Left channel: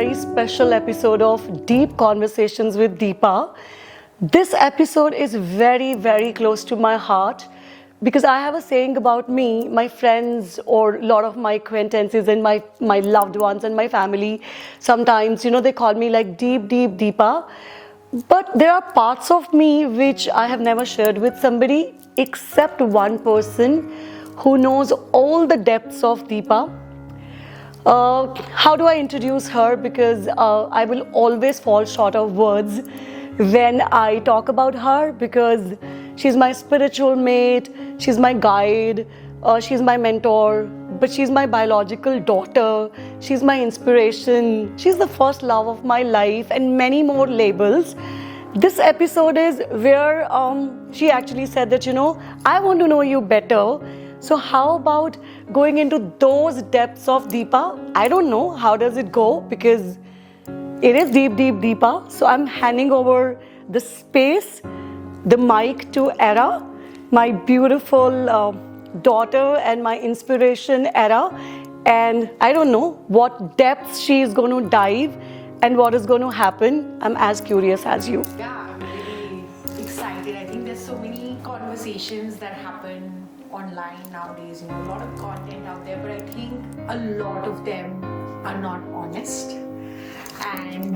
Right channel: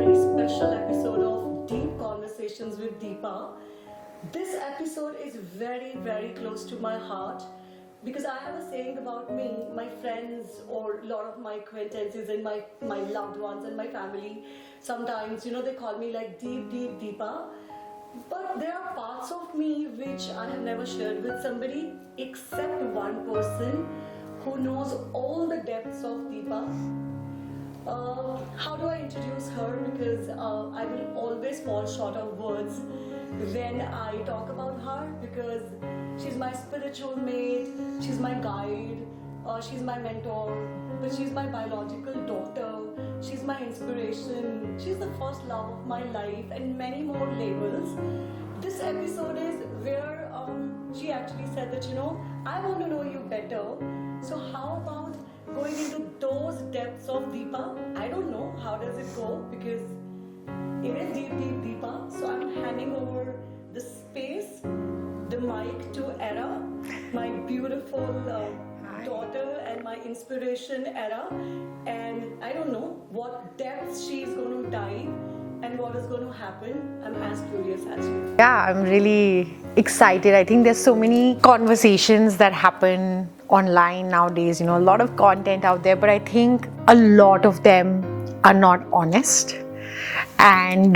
very special episode of Deep Conversations with Deepa. This episode is very, very close to my heart because I have a saying about me, my friends, or a lot of my acquaintances and my loved ones and my family. Sometimes, they call me like Deep Deepa. But there are parts of me which I have never shared with somebody except one person who knows all the depths of Deepa. How do I introduce her? Because I will always fall short of words when I talk about her because she's my spiritual mate, she's my guide, she's my mentor, but she's my biological daughter, she's my inspiration, she's the first love of my life and many more labels. This episode is where she actually said that, I want to know you better. So how about going into those depths of Deepa? I don't know how does it go because it is deep Deepa. So I'm handing over the space, the mic to Era, my beautiful daughter and my inspiration, Era. And I don't know what depths she is going to dive and what is going to happen. I'm as curious as you. Yeah, I'm really excited. I think there's so many conversations that happen online nowadays, a lot of content out there, but I think a lot of them are not honest. And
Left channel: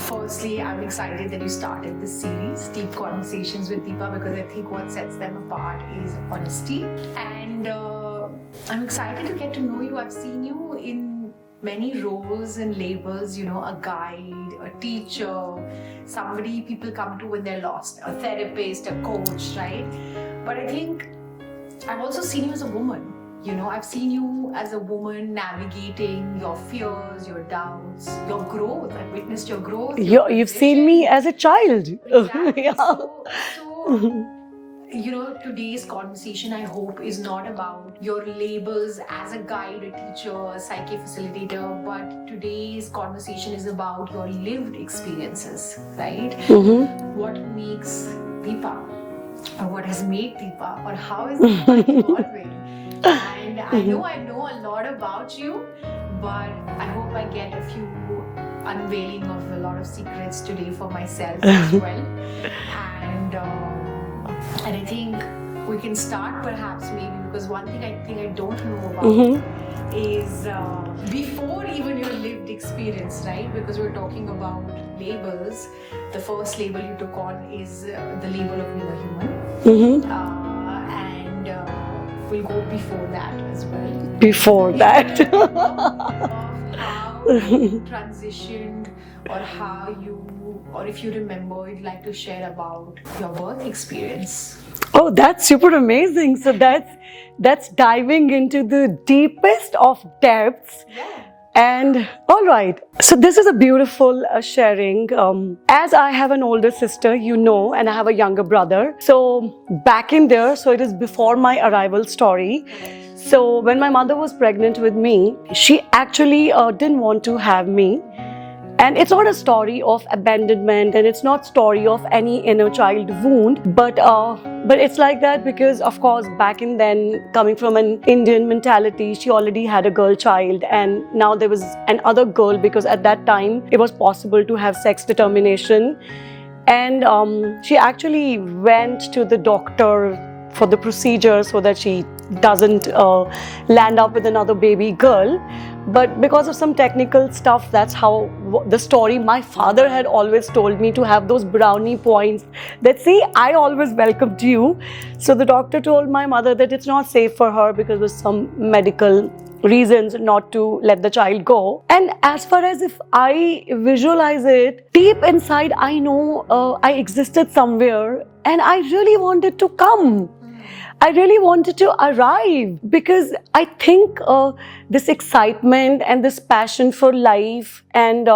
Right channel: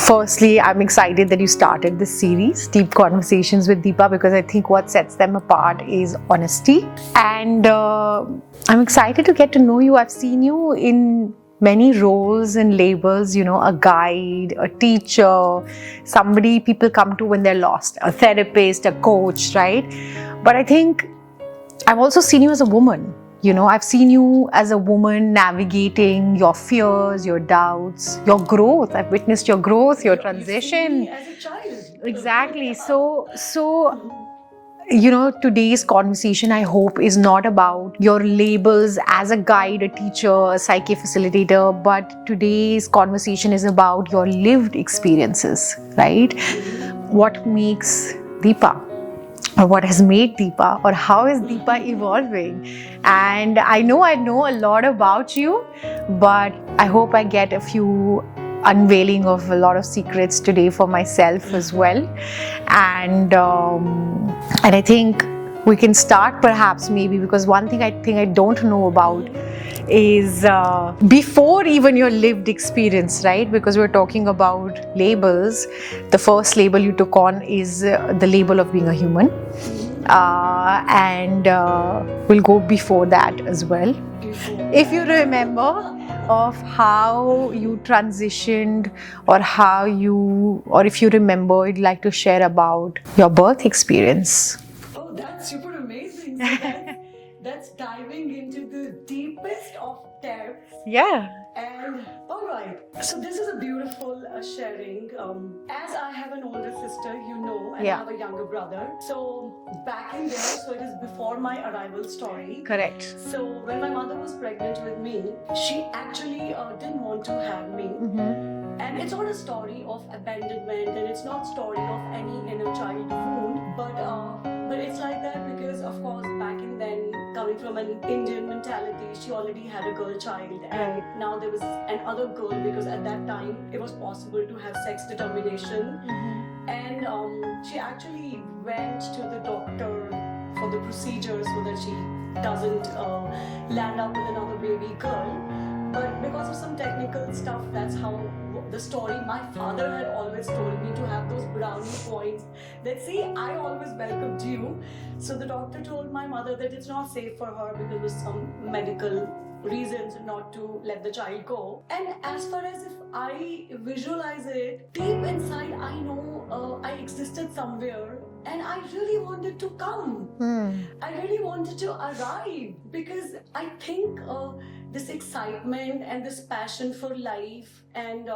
firstly, I'm excited that you started this series, Deep Conversations with Deepa, because I think what sets them apart is honesty. And I'm excited to get to know you. I've seen you in many roles and labels, a guide, a teacher, somebody people come to when they're lost, a therapist, a coach, right? But I think I've also seen you as a woman. I've seen you as a woman navigating your fears, your doubts, your growth. I've witnessed your growth, your transition. You've seen me as a child. Exactly. Yeah. So today's conversation, I hope, is not about your labels as a guide, a teacher, a psyche facilitator, but today's conversation is about your lived experiences, right? Mm-hmm. What makes Deepa, or what has made Deepa, or how is Deepa evolving? And I know a lot about you, but I hope I get a few unveiling of a lot of secrets today for myself as well. And I think we can start perhaps maybe because one thing I don't know about is before even your lived experience, right? Because we're talking about labels. The first label you took on is the label of being a human. And we'll go before that as well. Before that. If you remember of how you transitioned or if you remember, you'd like to share about your birth experience. Oh, that's super amazing. So that's diving into the deepest of depths. Yeah. And all right. So this is a beautiful sharing. As I have an older sister, and I have a younger brother. So back in there, so it is before my arrival story. Correct. So when my mother was pregnant with me, she actually didn't want to have me. And it's not a story of abandonment and it's not story of any inner child wound, but it's like that because of course back in then, coming from an Indian mentality, she already had a girl child and now there was another girl because at that time it was possible to have sex determination. And she actually went to the doctor for the procedure so that she doesn't land up with another baby girl. But because of some technical stuff, that's how the story my father had always told me to have those brownie points that, see, I always welcomed you. So the doctor told my mother that it's not safe for her because of some medical reasons not to let the child go. And as far as if I visualize it, deep inside, I know I existed somewhere and I really wanted to come. I really wanted to arrive because I think this excitement and this passion for life and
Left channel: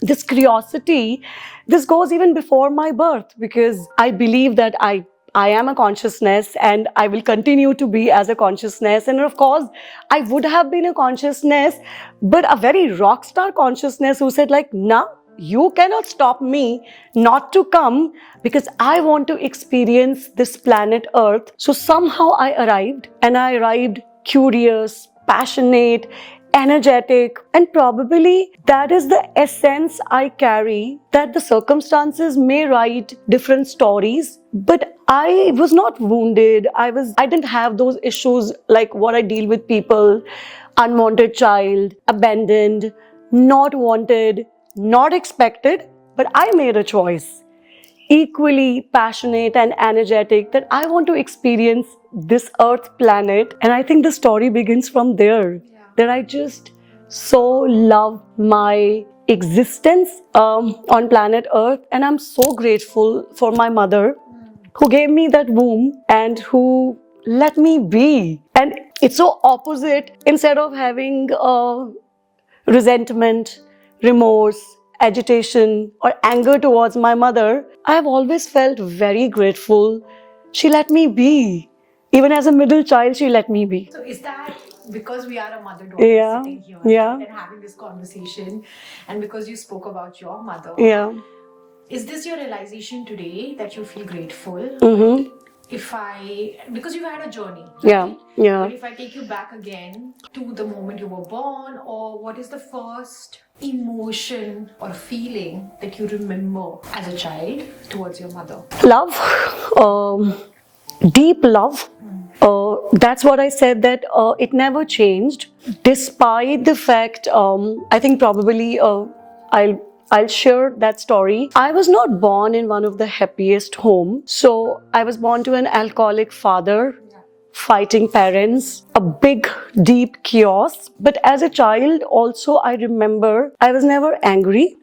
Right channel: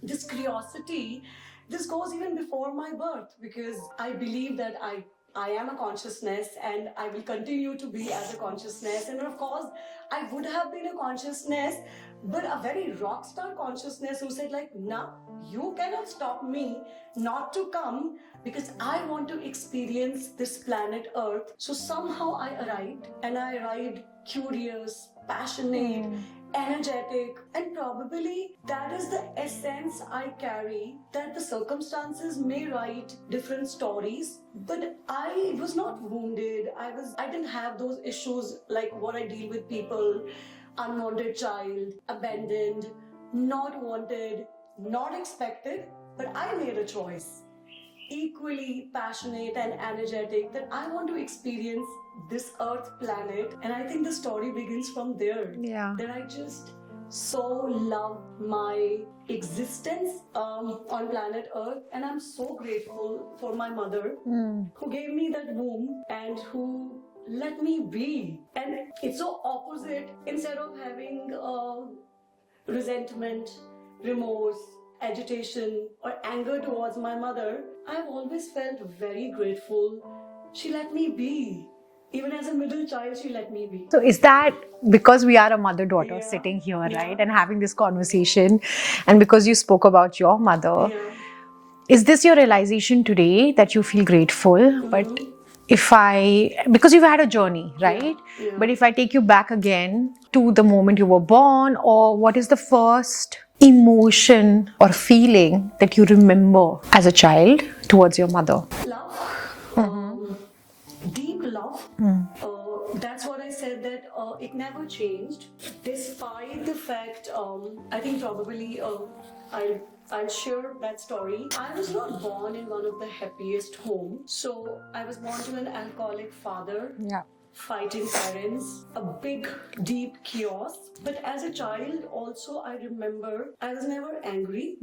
this curiosity, this goes even before my birth because I believe that I am a consciousness and I will continue to be as a consciousness. And of course, I would have been a consciousness, but a very rock star consciousness who said like, nah, you cannot stop me not to come because I want to experience this planet Earth. So somehow I arrived curious, passionate, energetic, and probably that is the essence I carry, that the circumstances may write different stories, but I was not wounded. I didn't have those issues like what I deal with people, unwanted child, abandoned, not wanted, not expected, but I made a choice, equally passionate and energetic, that I want to experience this earth planet. And I think the story begins from there. Yeah. That I just so love my existence on planet earth, and I'm so grateful for my mother who gave me that womb and who let me be. And it's so opposite. Instead of having resentment, remorse, agitation, or anger towards my mother, I've always felt very grateful. She let me be. Even as a middle child, she let me be. So is that because we are a mother-daughter sitting here, right, and having this conversation, and because you spoke about your mother, is this your realization today that you feel grateful? But because you've had a journey, right? Yeah. But if I take you back again to the moment you were born, or what is the first emotion or feeling that you remember as a child towards your mother? Love. Deep love. That's what I said, that it never changed, despite the fact, I think probably I'll share that story. I was not born in one of the happiest homes. So I was born to an alcoholic father, fighting parents, a big, deep chaos. But as a child also, I remember I was never angry.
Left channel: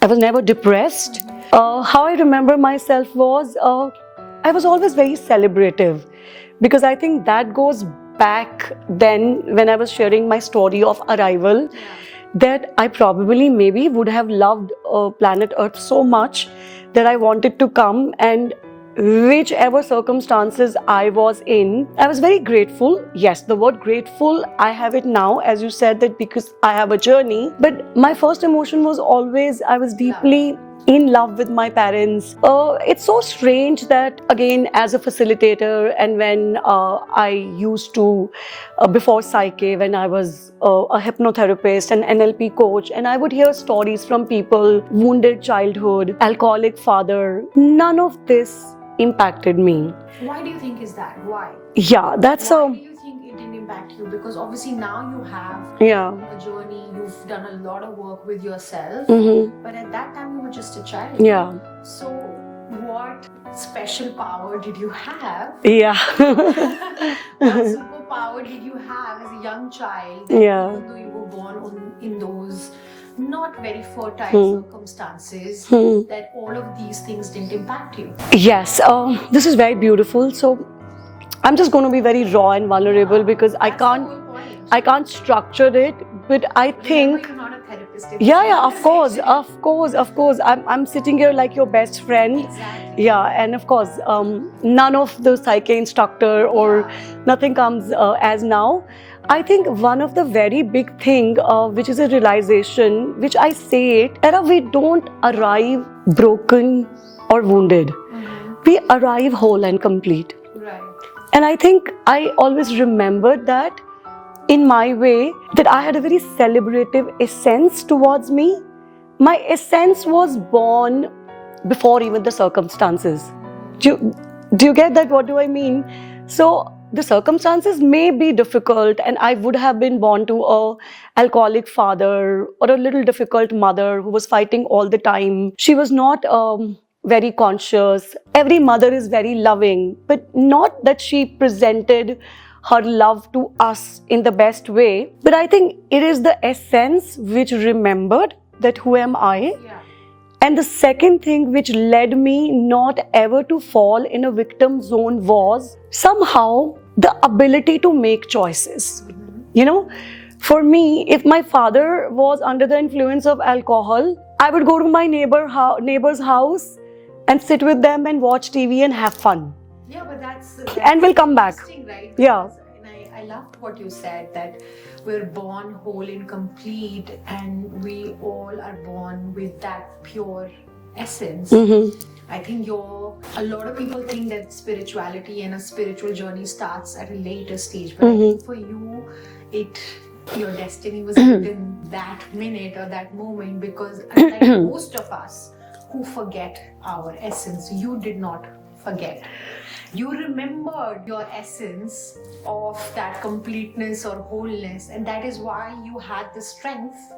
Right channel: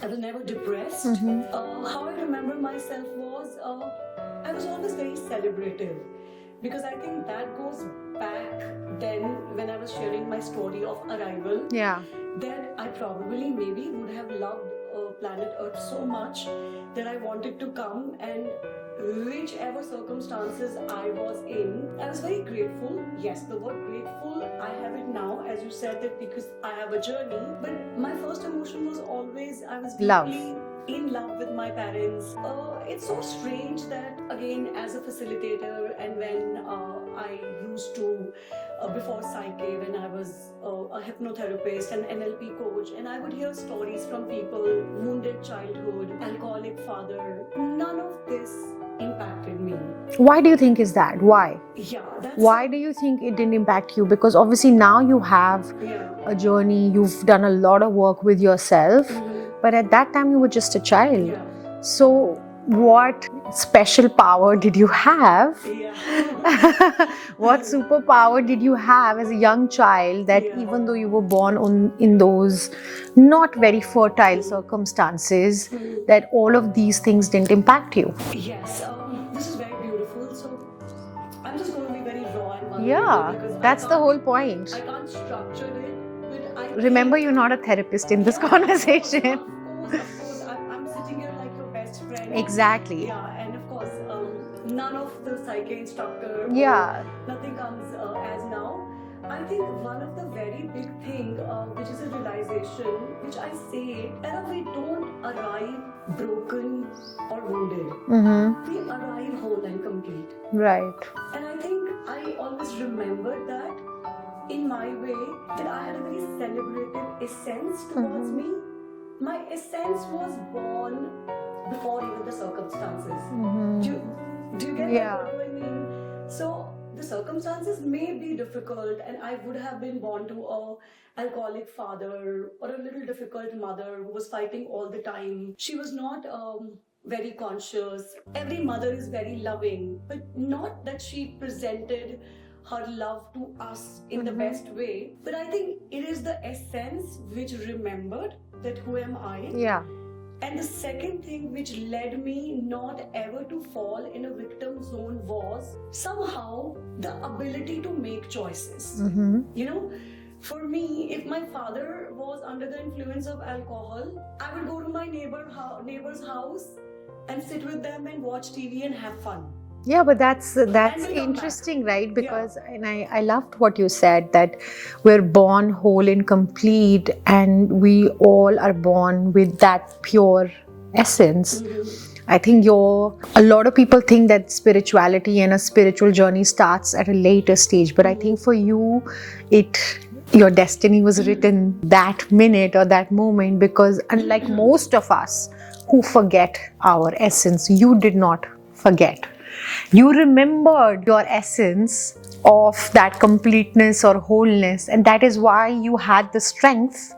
I was never depressed. How I remember myself was, I was always very celebrative, because I think that goes back then when I was sharing my story of arrival, that I probably maybe would have loved planet Earth so much that I wanted to come, and whichever circumstances I was in, I was very grateful. Yes, the word grateful, I have it now, as you said, that because I have a journey. But my first emotion was always, I was deeply in love with my parents. It's so strange that, again, as a facilitator, and when I used to, before Psyche, when I was a hypnotherapist and NLP coach, and I would hear stories from people, wounded childhood, alcoholic father, none of this impacted me. Why do you think is that? Why? Yeah, that's why do you think it didn't impact you? Because obviously now you have a journey, you've done a lot of work with yourself, but at that time you were just a child. So what special power did you have? What superpower did you have as a young child that even though you were born in those not very fertile circumstances, that all of these things didn't impact you? Yes, this is very beautiful. So I'm just going to be very raw and vulnerable, because that's the whole point. I can't structure it. But I think... Remember, you're not a therapist in this conversation. Of course. I'm sitting here like your best friend. Exactly. Yeah, and of course, none of the Psyche instructor or nothing comes as now. I think one of the very big thing, which is a realization, which I say it, Era, we don't arrive broken or wounded. We arrive whole and complete. Right. And I think I always remembered that in my way, that I had a very celebrative essence towards me. My essence was born before even the circumstances. Do you get that? What do I mean? So the circumstances may be difficult, and I would have been born to a alcoholic father or a little difficult mother who was fighting all the time. She was not very conscious. Every mother is very loving, but not that she presented her love to us in the best way. But I think it is the essence which remembered that who am I? And the second thing which led me not ever to fall in a victim zone was somehow the ability to make choices. You know, for me, if my father was under the influence of alcohol, I would go to my neighbor's house and sit with them and watch TV and have fun. Yeah, but that's and we'll come back. Interesting, right? Because and I loved what you said, that we're born whole and complete, and we all are born with that pure essence. I think a lot of people think that spirituality and a spiritual journey starts at a later stage, but I think for you, it your destiny was written that minute or that moment, because unlike most of us who forget our essence, you did not forget. You remembered your essence of that completeness or wholeness, and that is why you had the strength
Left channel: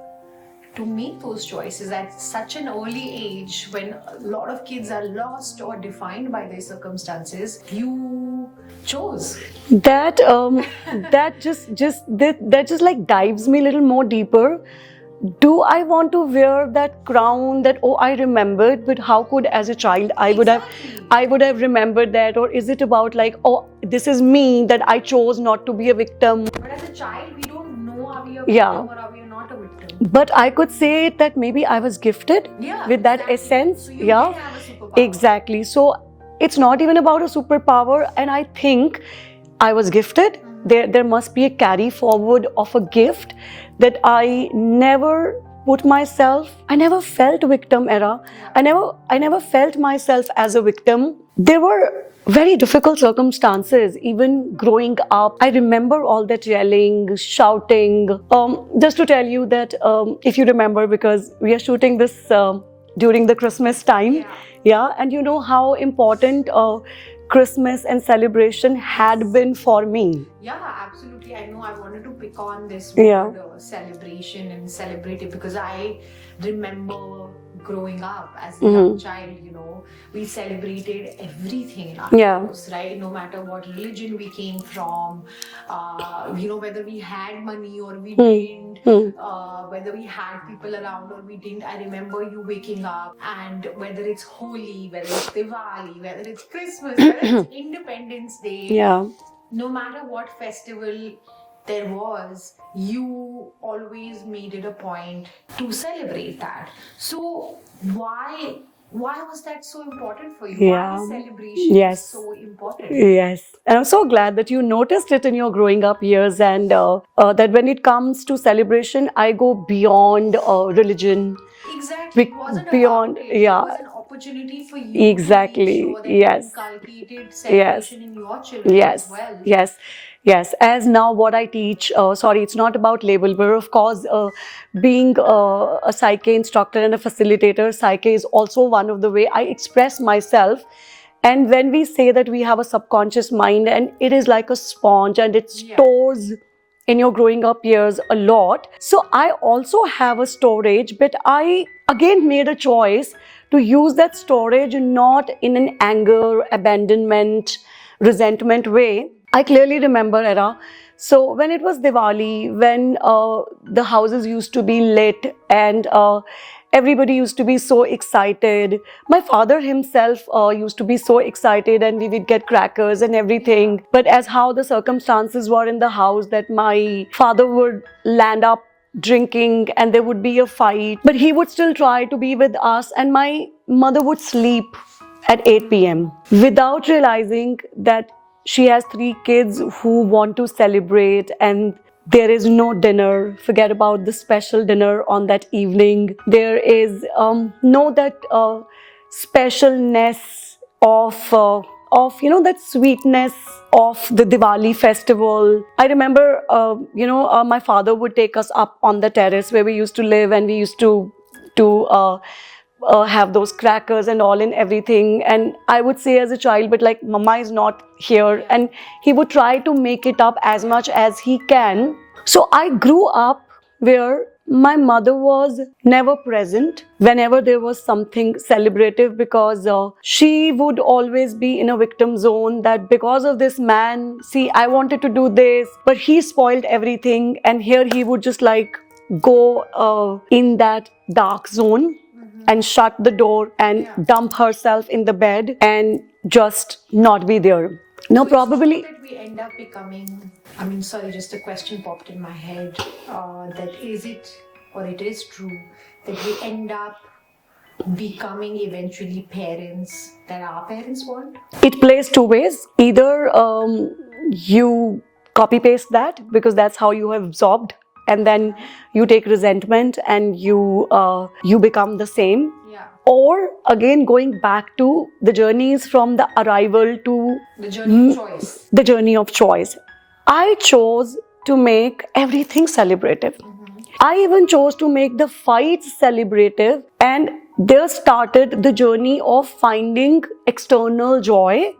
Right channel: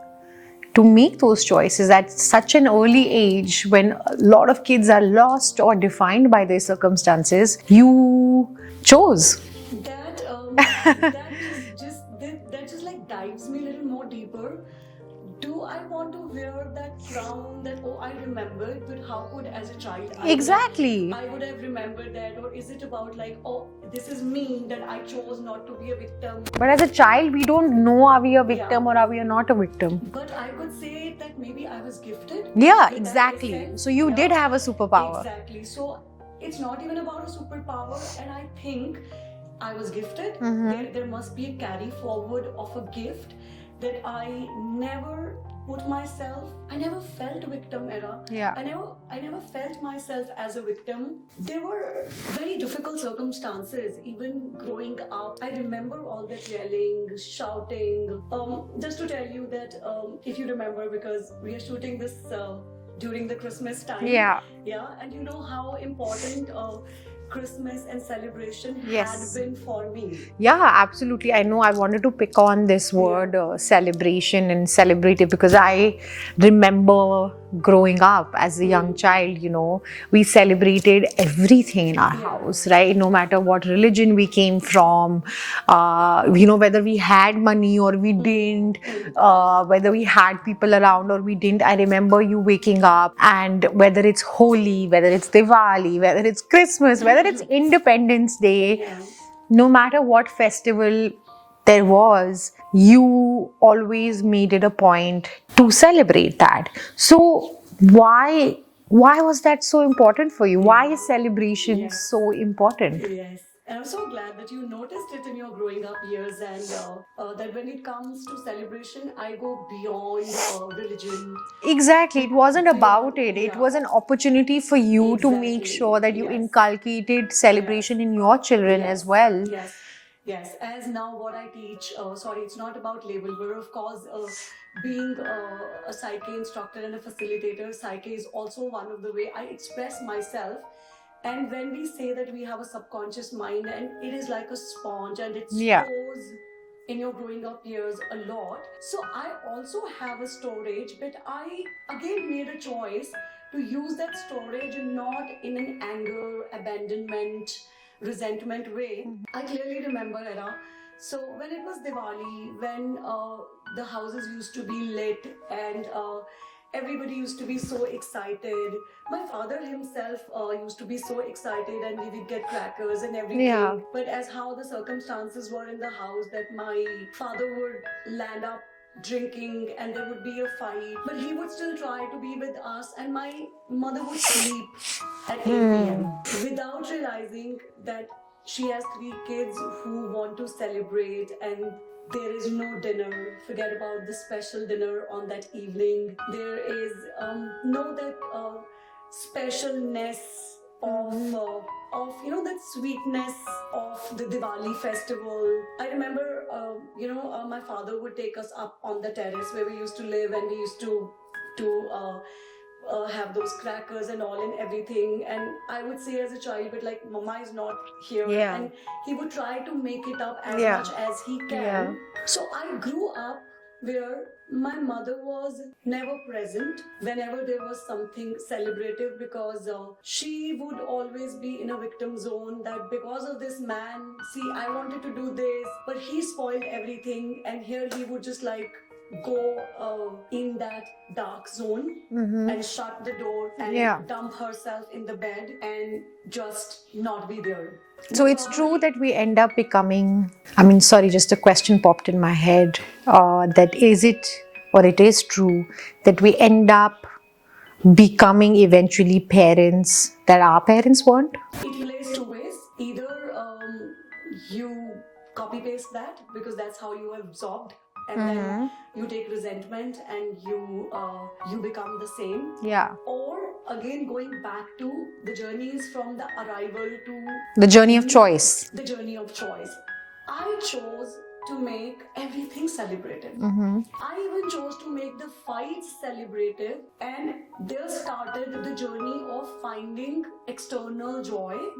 to make those choices at such an early age, when a lot of kids are lost or defined by their circumstances. You chose. That that just like dives me a little more deeper. Do I want to wear that crown that, oh, I remembered, but how could as a child I would have remembered that? Or is it about like, oh, this is me, that I chose not to be a victim? But as a child, we don't know, are we a victim or are we not a victim? But I could say that maybe I was gifted with that essence. So you did have a superpower. Exactly. So it's not even about a superpower, and I think I was gifted. There must be a carry forward of a gift that I never put myself. I never felt victim, Era. I never felt myself as a victim. There were very difficult circumstances, even growing up. I remember all that yelling, shouting. Just to tell you that, if you remember, because we are shooting this during the Christmas time. And you know how important Christmas and celebration had been for me. Yeah, absolutely. I know I wanted to pick on this word celebration and celebrate it, because I remember growing up as a young child, you know, we celebrated everything in our house, right? No matter what religion we came from, you know, whether we had money or we didn't, whether we had people around or we didn't. I remember you waking up, and whether it's Holi, whether it's Diwali, whether it's Christmas, whether it's Independence Day, no matter what festival there was, you always made it a point to celebrate that. So why was that so important for you? Why is celebration so important? Yes. And I'm so glad that you noticed it in your growing up years, and that when it comes to celebration, I go beyond religion. Exactly. It wasn't about it. It was an opportunity for you to make sure that you inculcated celebration in your children as well. Yes, as now what I teach, it's not about label, but of course, being a Psyche instructor and a facilitator, Psyche is also one of the way I express myself. And when we say that we have a subconscious mind, and it is like a sponge, and it stores in your growing up years a lot. So I also have a storage, but I again made a choice to use that storage not in an anger, abandonment, resentment way. I clearly remember, Era. So when it was Diwali, when the houses used to be lit and everybody used to be so excited. My father himself used to be so excited, and we would get crackers and everything. But as how the circumstances were in the house, that my father would land up drinking and there would be a fight, but he would still try to be with us, and my mother would sleep at 8 p.m. without realizing that she has 3 kids who want to celebrate, and there is no dinner. Forget about the special dinner on that evening. There is no that specialness of you know, that sweetness of the Diwali festival. I remember my father would take us up on the terrace where we used to live, and we used to have those crackers and all and everything. And I would say as a child, but like, Mama is not here. And he would try to make it up as much as he can. So I grew up where my mother was never present whenever there was something celebrative, because she would always be in a victim zone, that because of this man, see, I wanted to do this, but he spoiled everything. And here he would just like go in that dark zone and shut the door and dump herself in the bed and just not be there. No, so probably it's true that we end up becoming, just a question popped in my head, that is it, or it is true that we end up becoming eventually parents that our parents want? It plays 2 ways. Either you copy paste that because that's how you have absorbed, and then you take resentment and you become the same. Or again, going back to the journeys from the arrival to the journey of choice. The journey of choice. I chose to make everything celebrative. I even chose to make the fights celebrative, and there started the journey of finding external joy.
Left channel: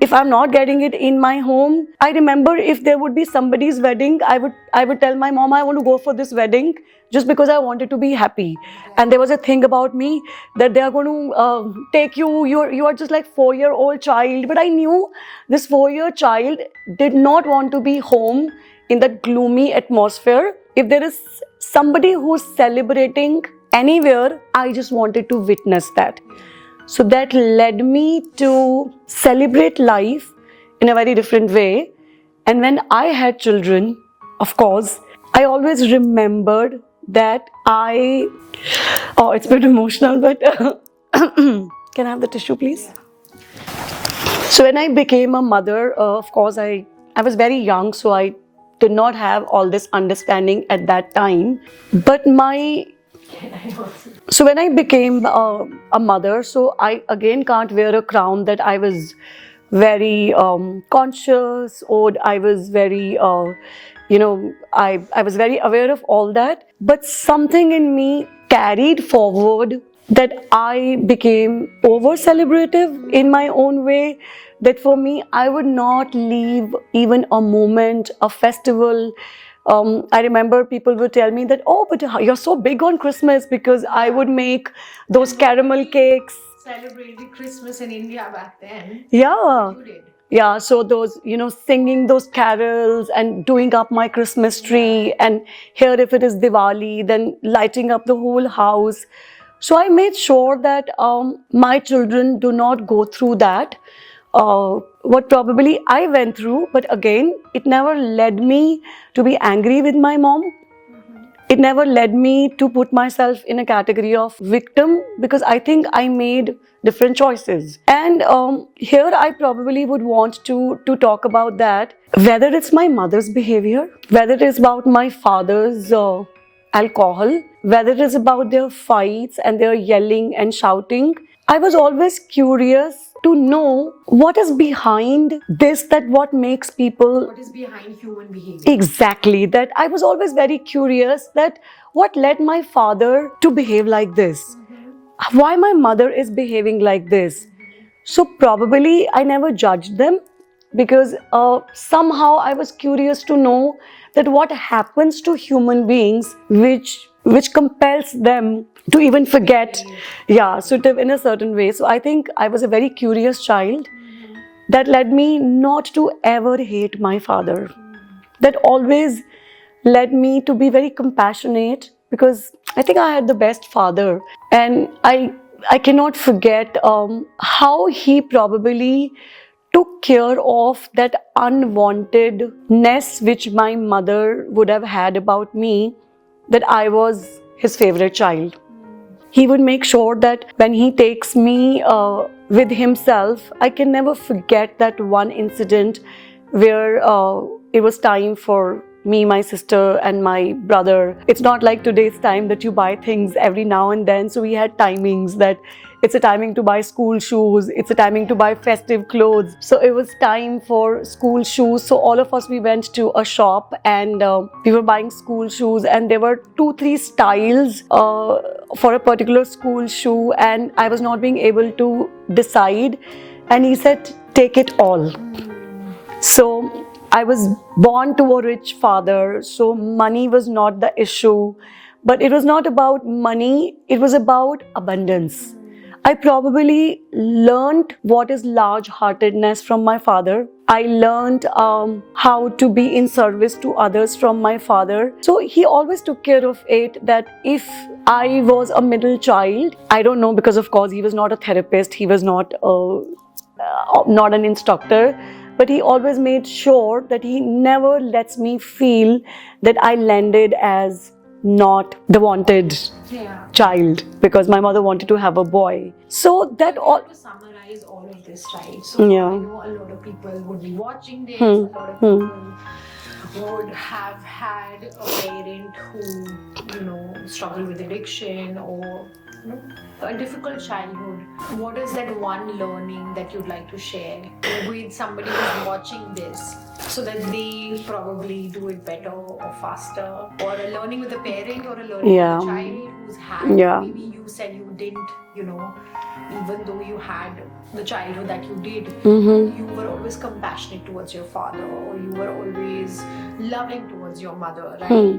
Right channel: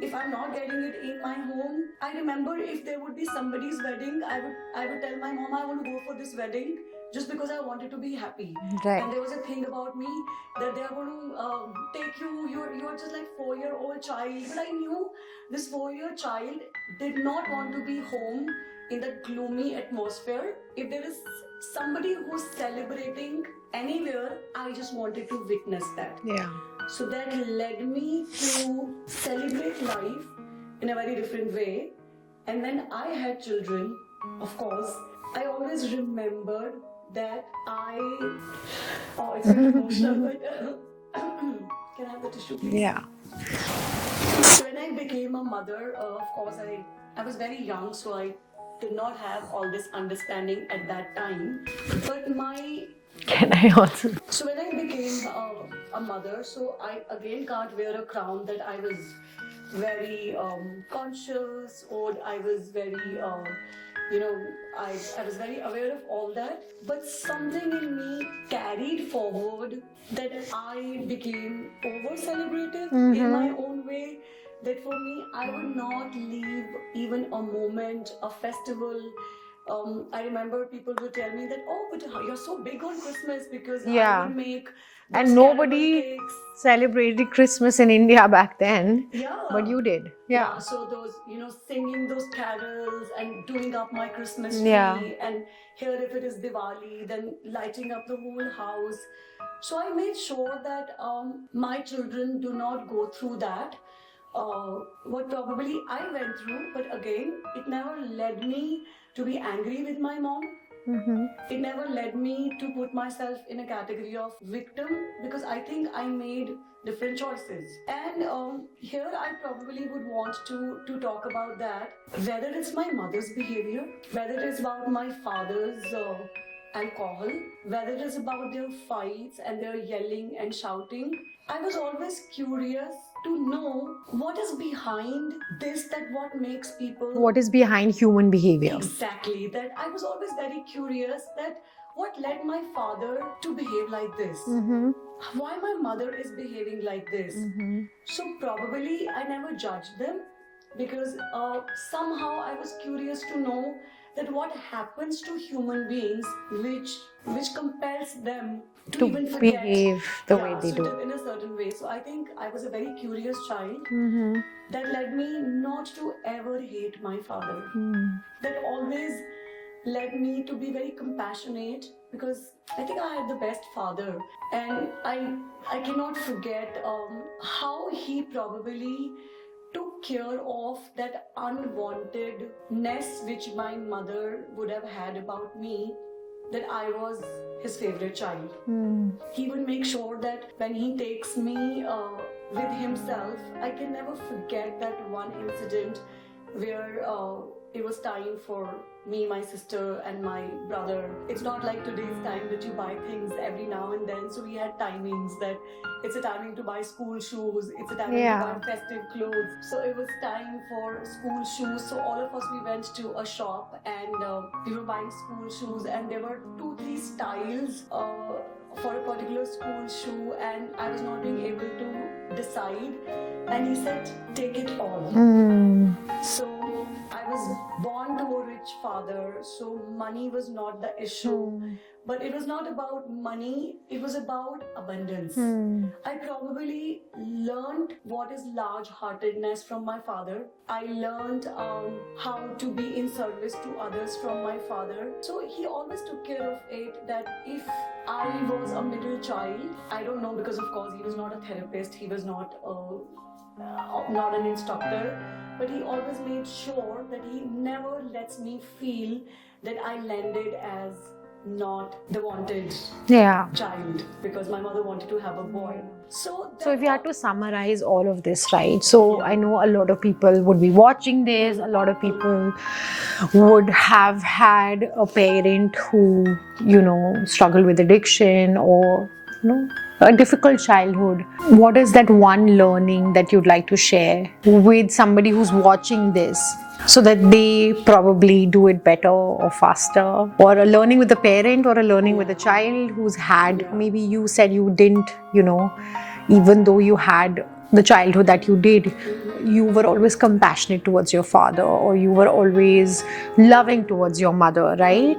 If I'm not getting it in my home, I remember if there would be somebody's wedding, I would tell my mom, I want to go for this wedding just because I wanted to be happy. Right. And there was a thing about me that they are going to take you are just like 4-year-old child. But I knew this 4-year child did not want to be home in that gloomy atmosphere. If there is somebody who's celebrating anywhere, I just wanted to witness that. Yeah. So that led me to celebrate life in a very different way. And when I had children, of course, I always remembered that it's a bit emotional, but can I have the tissue, please? Yeah. So when I became a mother, of course, I was very young, so I did not have all this understanding at that time. But so when I became a mother, so I again can't wear a crown that I was very conscious, or I was very, I was very aware of all that. But something in me carried forward that I became over-celebrative in my own way. That for me, I would not leave even a moment, a festival. I remember people would tell me that, oh, but you're so big on Christmas, because I would make those caramel cakes. Celebrated Christmas in India back then. Yeah. But you did. Yeah, so those, singing those carols and doing up my Christmas tree. And here, if it is Diwali, then lighting up the whole house. So I made sure that my children do not go through that. What probably I went through, but again, it never led me to be angry with my mom. It never led me to put myself in a category of victim, because I think I made different choices. And here I probably would want to talk about that, whether it's my mother's behavior, whether it is about my father's alcohol, whether it is about their fights and their yelling and shouting. I was always curious to know what is behind this, that what makes people... What is behind human behavior? Exactly. That I was always very curious that what led my father to behave like this? Why my mother is behaving like this? So probably I never judged them, because somehow I was curious to know that what happens to human beings which compels them to even forget, so to in a certain way. So I think I was a very curious child. That led me not to ever hate my father. That always led me to be very compassionate, because I think I had the best father. And I cannot forget how he probably took care of that unwantedness which my mother would have had about me, that I was his favorite child. He would make sure that when he takes me with himself, I can never forget that one incident where it was time for me, my sister and my brother. It's not like today's time that you buy things every now and then. So we had timings that it's a timing to buy school shoes, it's a timing to buy festive clothes. So it was time for school shoes. So all of us, we went to a shop and we were buying school shoes, and there were 2-3 styles for a particular school shoe, and I was not being able to decide. And he said, take it all. So I was born to a rich father, so money was not the issue. But it was not about money, it was about abundance. I probably learned what is large-heartedness from my father. I learned how to be in service to others from my father. So he always took care of it, that if I was a middle child, I don't know, because of course he was not a therapist, he was not an instructor. But he always made sure that he never lets me feel that I landed as not the wanted child, because my mother wanted to have a boy. So that if you have to summarize all of this, right? So I know a lot of people would be watching this. A lot of people would have had a parent who, struggled with addiction, or a difficult childhood. What is that one learning that you'd like to share with somebody who's watching this, so that they probably do it better or faster? Or a learning with the parent, or a learning with the child who's had, maybe you said you didn't, even though you had the childhood that you did, you were always compassionate towards your father, or you were always loving towards your mother, right?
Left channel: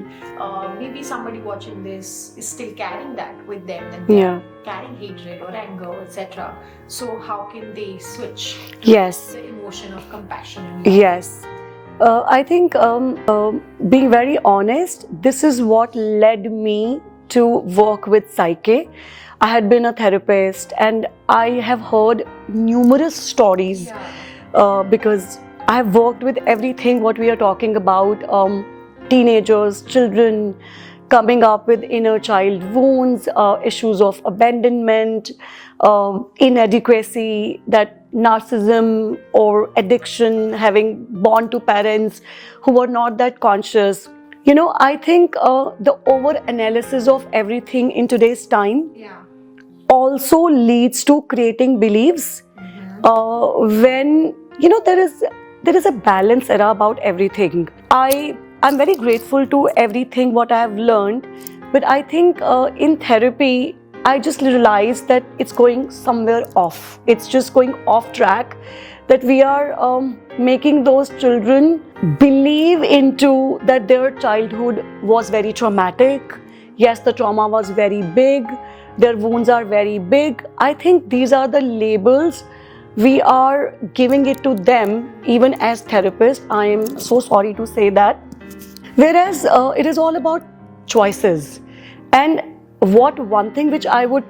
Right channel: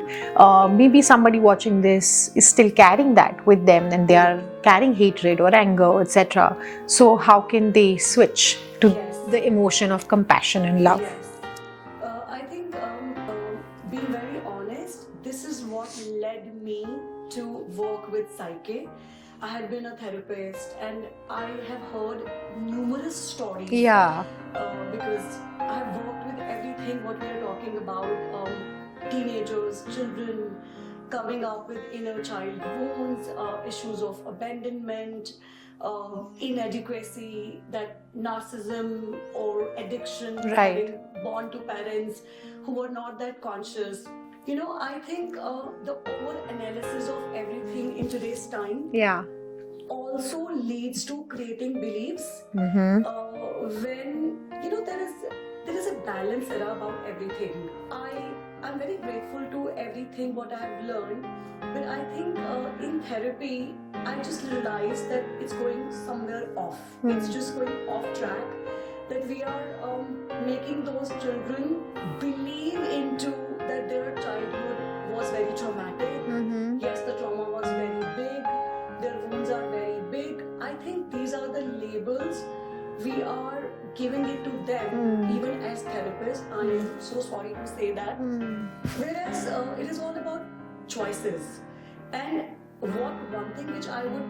Maybe somebody watching this is still carrying that with them, and they are carrying hatred or anger, etc. So how can they switch to the emotion of compassion and love? Yes. I think being very honest, this is what led me to work with Psyche. I had been a therapist, and I have heard numerous stories because I have worked with everything what we are talking about, teenagers, children coming up with inner child wounds, issues of abandonment, inadequacy, that narcissism or addiction, having born to parents who were not that conscious. I think the over-analysis of everything in today's time also leads to creating beliefs when, there is a balance era about everything. I'm very grateful to everything what I have learned, but I think in therapy, I just realized that it's going somewhere off. It's just going off track, that we are making those children believe into that their childhood was very traumatic. Yes, the trauma was very big. Their wounds are very big. I think these are the labels we are giving it to them, even as therapists. I am so sorry to say that. Whereas it is all about choices. And one thing which I would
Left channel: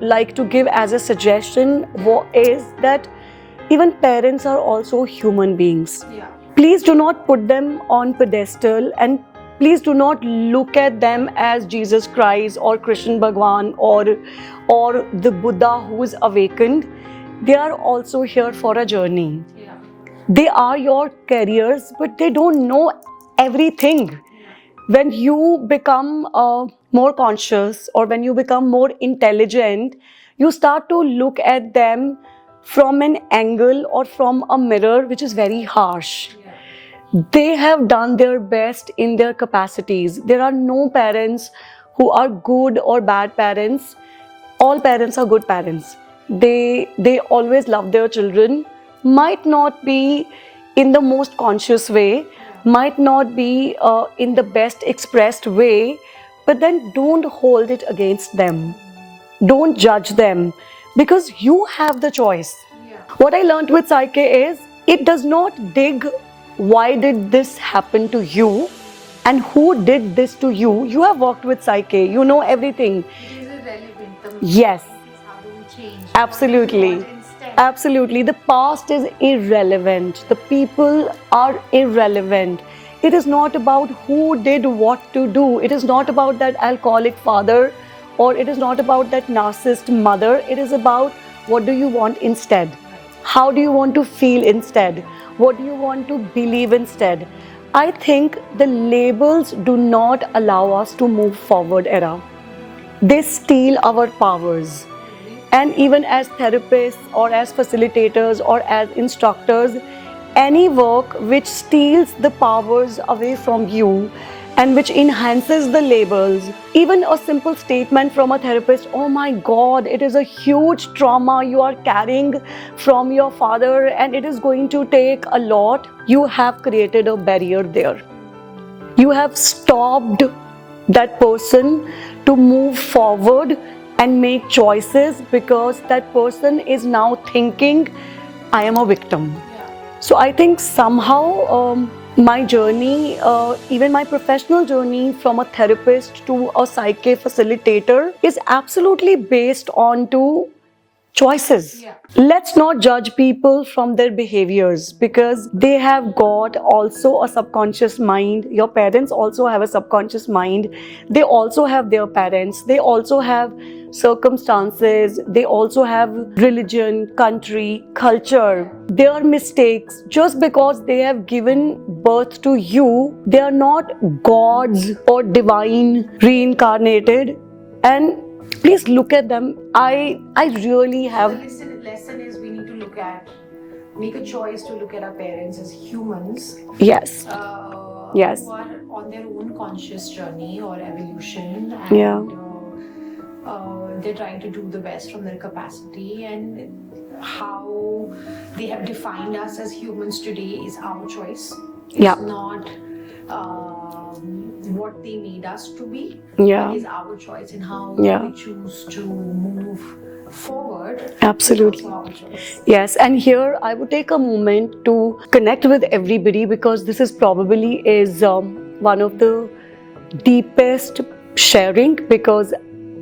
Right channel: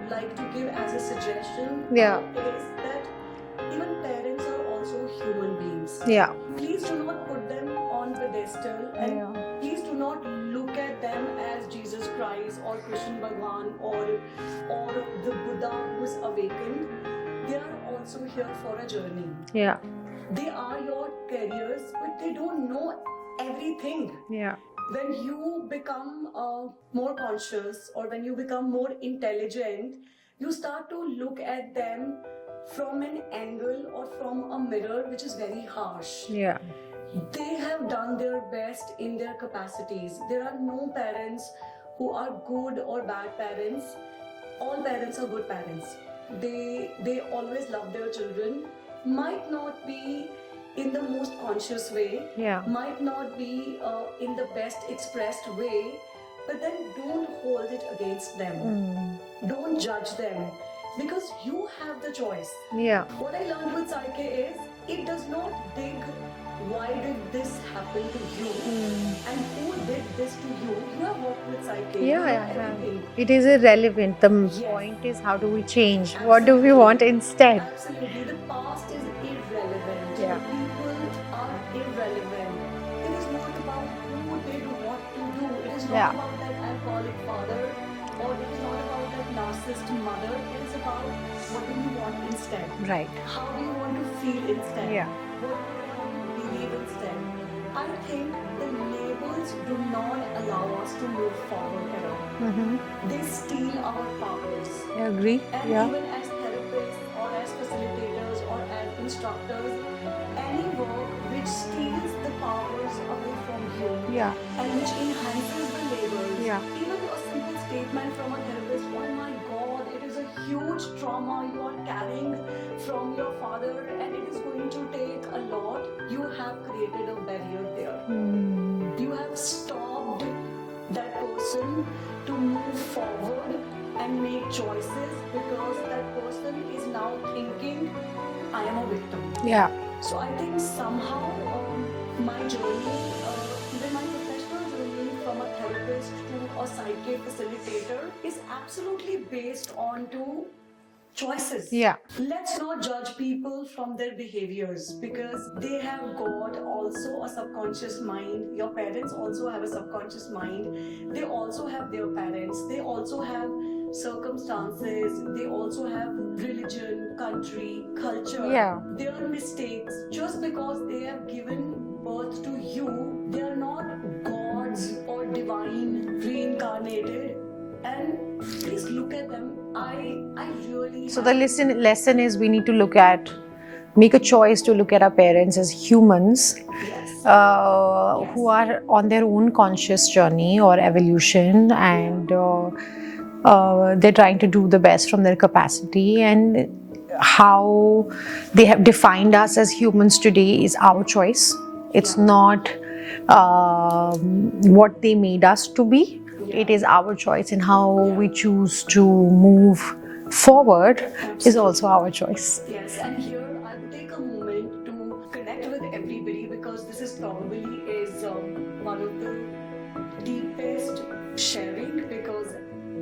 like to give as a suggestion is that even parents are also human beings. Please do not put them on pedestal, and please do not look at them as Jesus Christ or Krishna Bhagwan or the Buddha who is awakened. They are also here for a journey. They are your carriers, but they don't know everything. When you become more conscious, or when you become more intelligent, you start to look at them from an angle or from a mirror which is very harsh. They have done their best in their capacities. There are no parents who are good or bad parents. All parents are good parents. They always love their children. Might not be in the most conscious way, might not be in the best expressed way, but then don't hold it against them. Don't judge them, because you have the choice. What I learned with Psyche is, it does not dig why did this happen to you and who did this to you. You have worked with Psyche, you know everything. It is irrelevant. The point is, how do we change? Absolutely. What do we want instead? Absolutely. The past is irrelevant. The people are irrelevant. It is not about who did what to do. It is not about that alcoholic father, or it is not about that narcissist mother. It is about, what do you want instead? How do you want to feel instead? What do you want to believe instead? I think the labels do not allow us to move forward, Era. They steal our powers. And even as therapists, or as facilitators, or as instructors, any work which steals the powers away from you and which enhances the labels, even a simple statement from a therapist, oh my God, it is a huge trauma you are carrying from your father and it is going to take a lot. You have created a barrier there. You have stopped that person to move forward and make choices, because that person is now thinking, I am a victim. So I think somehow my journey, even my professional journey from a therapist to a Psyche facilitator, is absolutely based on two choices. Let's not judge people from their behaviors, because they have got also a subconscious mind. Your parents also have a subconscious mind. They also have their parents. They also have circumstances. They also have religion, country, culture. Their mistakes. Just because they have given birth to you, they are not gods or divine reincarnated. And please look at them. I really So have. the lesson is we need to make a choice to look at our parents as humans. Yes. Yes. Who are on their own conscious journey or evolution, and they're trying to do the best from their capacity, and how they have defined us as humans today is our choice. It's not what they made us to be. It is our choice, and how we choose to move forward is also our choice. Yes, and here I would take a moment to connect with everybody, because this is probably one of the deepest sharing, because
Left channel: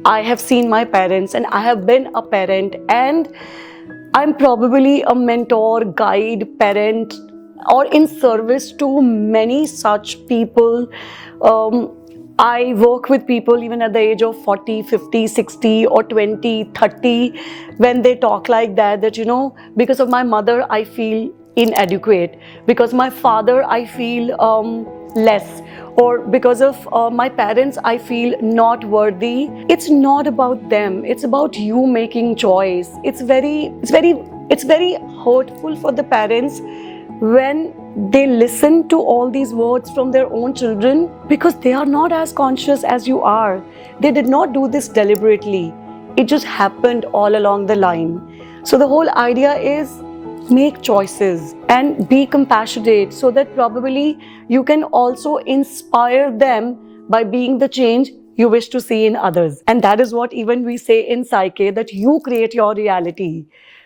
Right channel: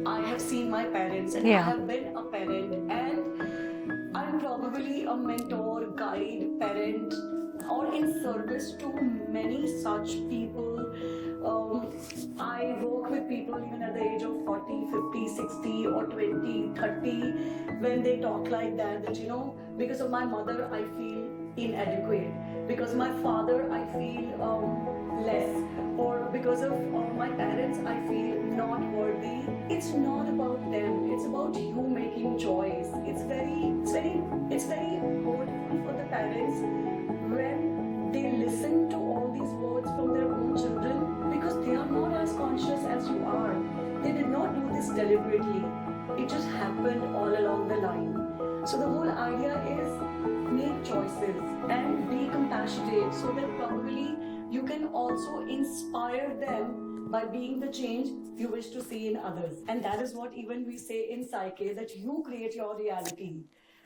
I have seen my parents and I have been a parent, and I'm probably a mentor, guide, parent, or in service to many such people. I work with people even at the age of 40, 50, 60 or 20, 30, when they talk like that, you know, because of my mother, I feel inadequate. Because my father, I feel less. Or because of my parents, I feel not worthy. It's not about them. It's about you making choice. It's very hurtful for the parents when they listen to all these words from their own children, because they are not as conscious as you are. They did not do this deliberately. It just happened all along the line. So the whole idea is make choices and be compassionate, so that probably you can also inspire them by being the change you wish to see in others. And that is what even we say in Psyche, that you create your reality.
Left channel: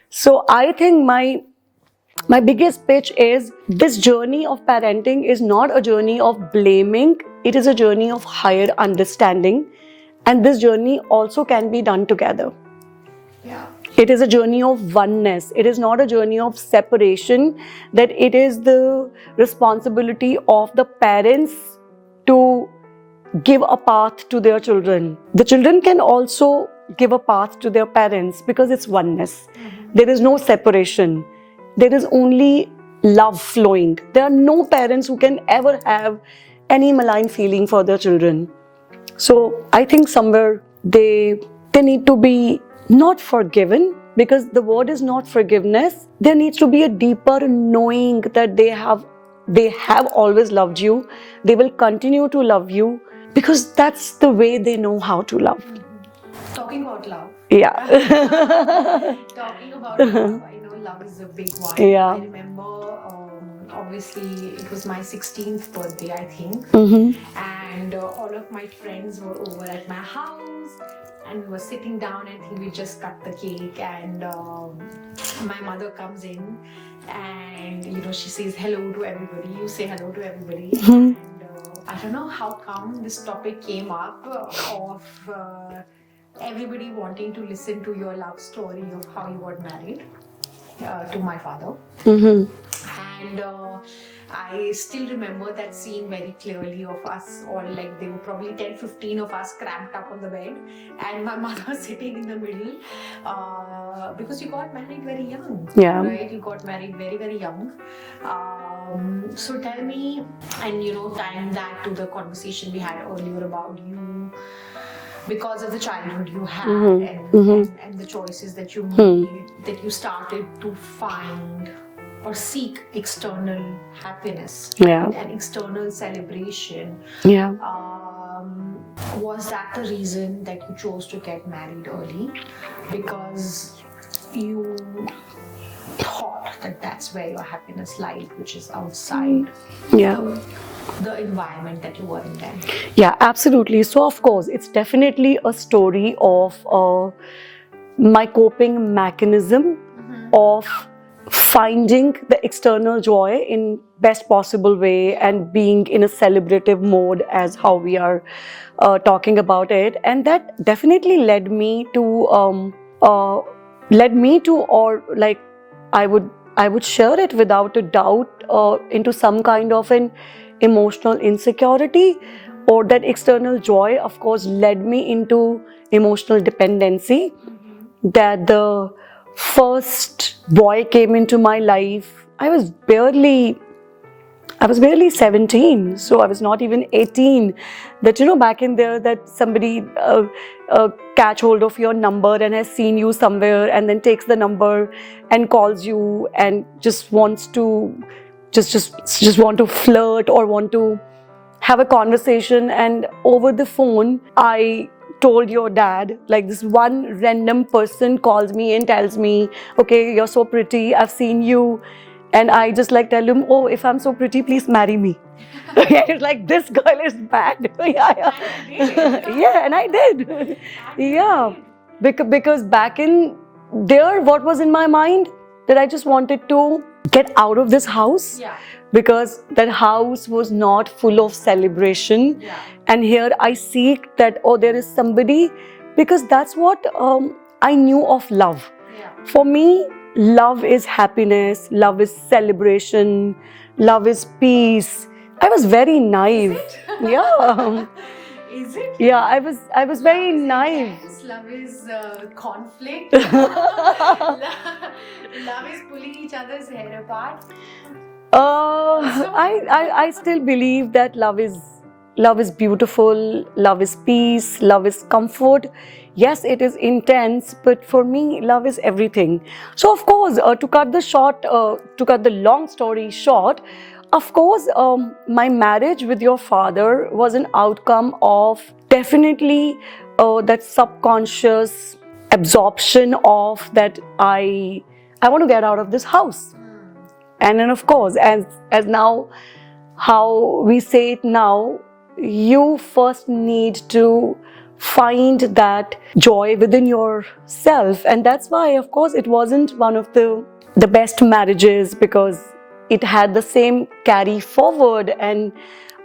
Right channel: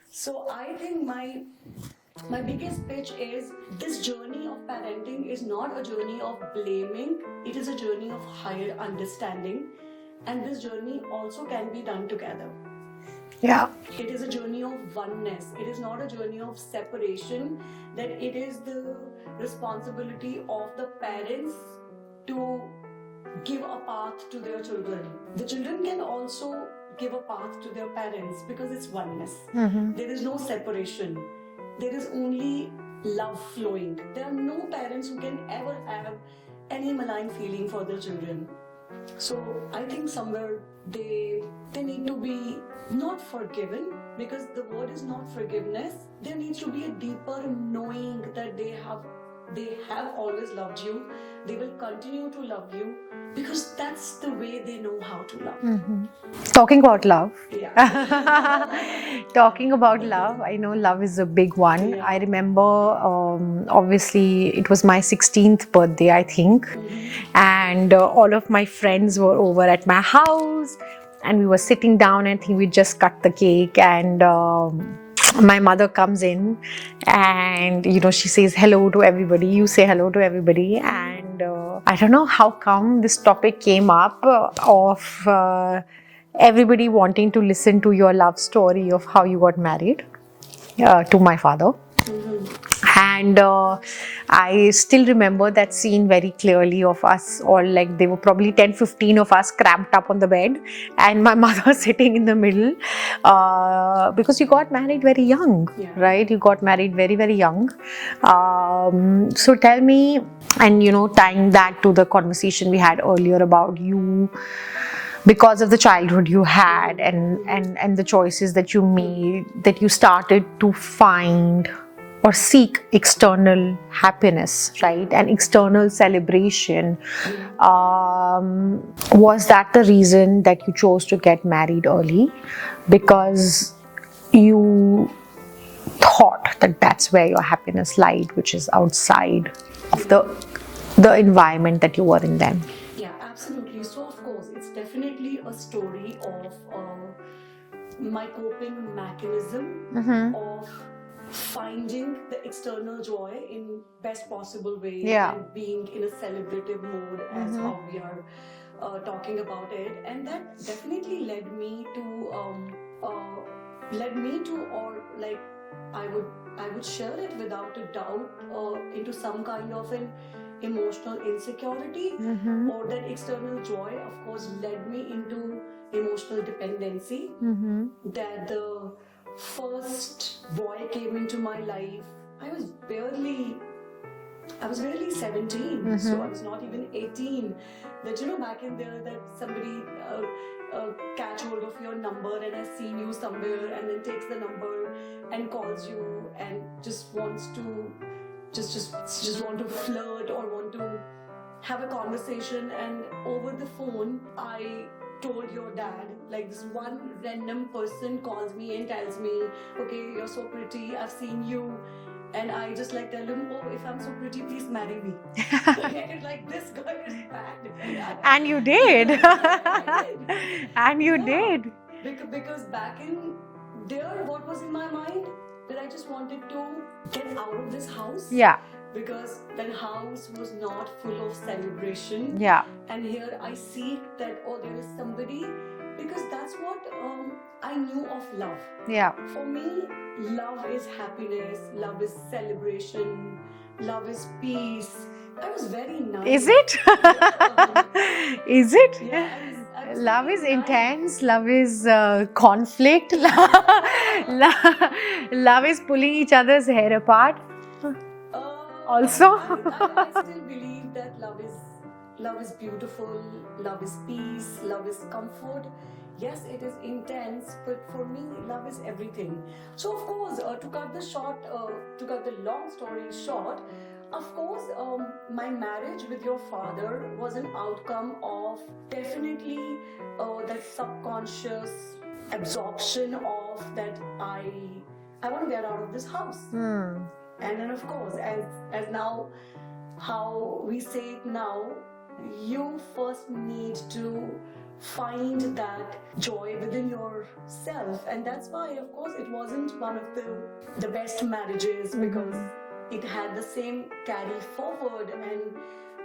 So I think my biggest pitch is, this journey of parenting is not a journey of blaming, it is a journey of higher understanding, and this journey also can be done together. Yeah. It is a journey of oneness. It is not a journey of separation, that it is the responsibility of the parents to give a path to their children. The children can also give a path to their parents, because it's oneness. There is no separation. There is only love flowing. There are no parents who can ever have any malign feeling for their children. So I think somewhere they need to be not forgiven, because the word is not forgiveness. There needs to be a deeper knowing that they have always loved you. They will continue to love you, because that's the way they know how to love. Talking about love. Yeah. Talking about love, I know love is a big one. Yeah. I remember, obviously, it was my 16th birthday, I think. And all of my friends were over at my house. And we were sitting down, and I think we just cut the cake. And my mother comes in, and she says hello to everybody. You say hello to everybody. And I don't know how come this topic came up of everybody wanting to listen to your love story of how you got married to my father. And I still remember that scene very clearly of us all, like there were probably 10-15 of us cramped up on the bed, and my mother sitting in the middle, because you got married very young, right? You got married very, very young. So tell me, and tying that to the conversation we had earlier about you, because of the childhood you had and the choices that you made, that you started to find or seek external happiness, right? And external celebration. Was that the reason that you chose to get married early? Because you thought that that's where your happiness lied, which is outside the environment that you were in then? Yeah, absolutely. So of course, it's definitely a story of my coping mechanism of finding the external joy in best possible way and being in a celebrative mode, as how we are talking about it. And that definitely led me to or like I would share it without a doubt into some kind of an emotional insecurity, or that external joy of course led me into emotional dependency. That the first boy came into my life, I was barely I was barely 17, so I was not even 18. That, back in there, that somebody catch hold of your number and has seen you somewhere and then takes the number and calls you and just wants to just want to flirt or want to have a conversation. And over the phone, I told your dad, like, this one random person calls me and tells me, okay, you're so pretty, I've seen you. And I just like tell him, oh, if I'm so pretty, please marry me. It's like, this girl is bad. And you did. Yeah, and I did. And you did. Because back in there, what was in my mind? That I just wanted to get out of this house. Yeah. Because that house was not full of celebration. Yeah. And here I seek that, oh, there is somebody, because that's what I knew of love. Yeah. For me, love is happiness, love is celebration, love is peace. I was very naive. Is it? Yeah. Is it? Yeah, I was very naive. naive. Intense. Love is conflict. Love is pulling each other's hair apart. Also, I still believe that love is beautiful, love is peace, love is comfort. Yes, it is intense, but for me, love is everything. So, of course, to cut the long story short, of course, my marriage with your father was an outcome of definitely that subconscious absorption of that I want to get out of this house. And then, of course, as now, how we say it now, you first need to find that joy within yourself. And that's why, of course, it wasn't one of the best marriages, because it had the same carry forward, and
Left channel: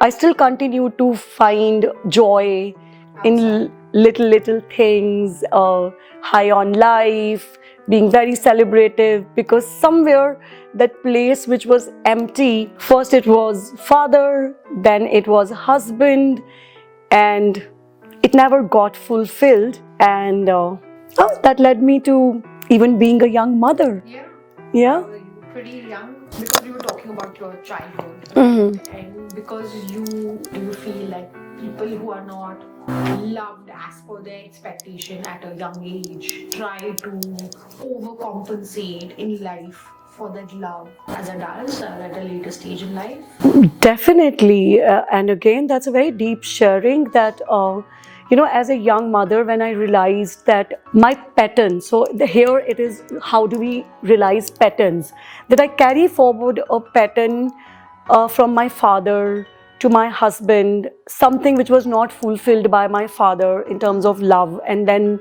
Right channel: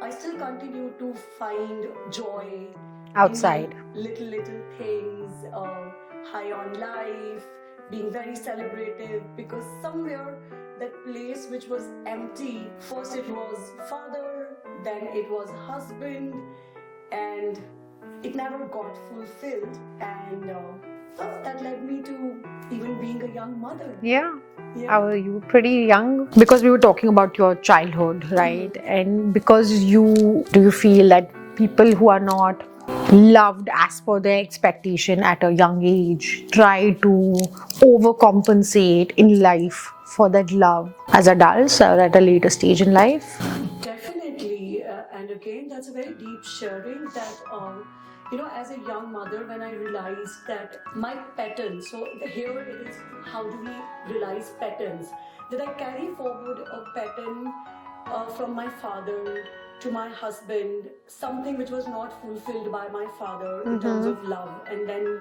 I still continue to find joy outside in little things, high on life, being very celebrative, because somewhere that place which was empty, first it was father, then it was husband, and it never got fulfilled. And that led me to even being a young mother. Yeah. Yeah. How are you? Pretty young. Because we were talking about your childhood, right? And because do you feel that people who are not loved as per their expectation at a young age try to overcompensate in life for that love as adults or at a later stage in life? Definitely. And again, that's a very deep sharing that, as a young mother, when I realized that my pattern, so here it is, how do we realize patterns? That I carry forward a pattern from my father to my husband, something which was not fulfilled by my father in terms of love, and then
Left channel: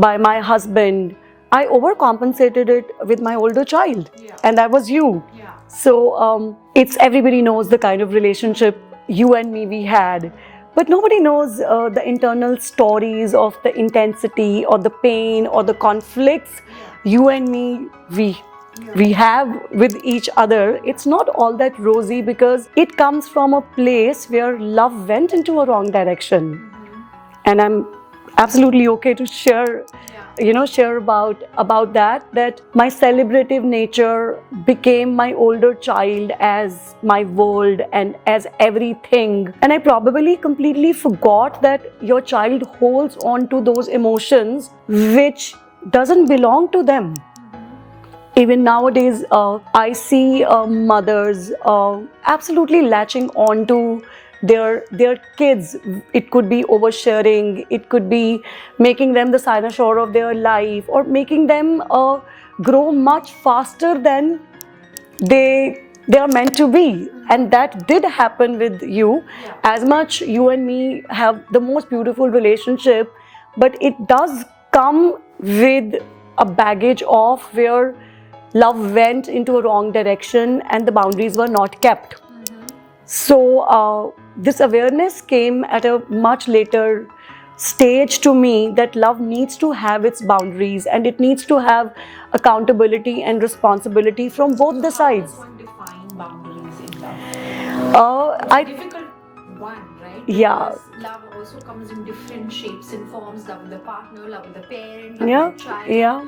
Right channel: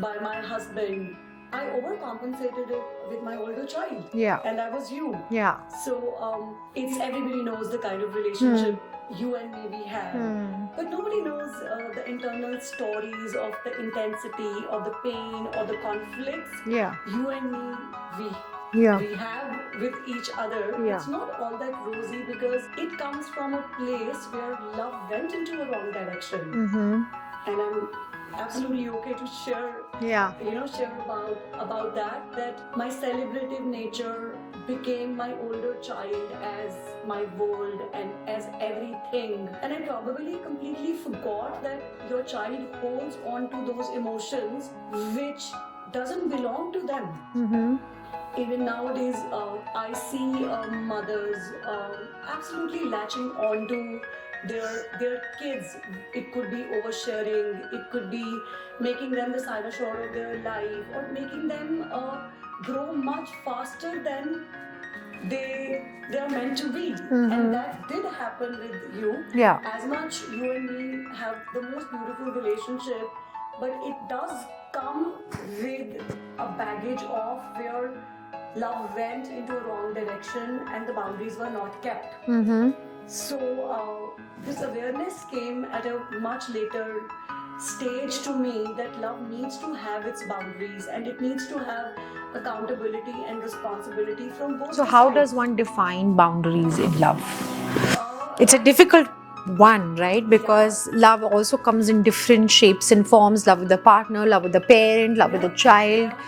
by my husband, I overcompensated it with my older child. Yeah. And that was you. Yeah. So it's everybody knows the kind of relationship you and me we had. But nobody knows the internal stories of the intensity or the pain or the conflicts you and me, we have with each other. Yeah. It's not all that rosy, because it comes from a place where love went into a wrong direction. And I'm absolutely okay to share about that my celebrative nature became my older child as my world and as everything. And I probably completely forgot that your child holds on to those emotions which doesn't belong to them. Even nowadays, I see mothers absolutely latching on to their kids. It could be oversharing, it could be making them the cynosure of their life, or making them grow much faster than they are meant to be. And that did happen with you. Yeah. As much you and me have the most beautiful relationship, but it does come with a baggage of where love went into a wrong direction and the boundaries were not kept. So this awareness came at a much later stage to me, that love needs to have its boundaries and it needs to have accountability and responsibility from both the sides. So how does one define boundaries in love? It's a difficult one, right? Because love also comes in different shapes and forms. Love with the partner, love with the parent, love with the child.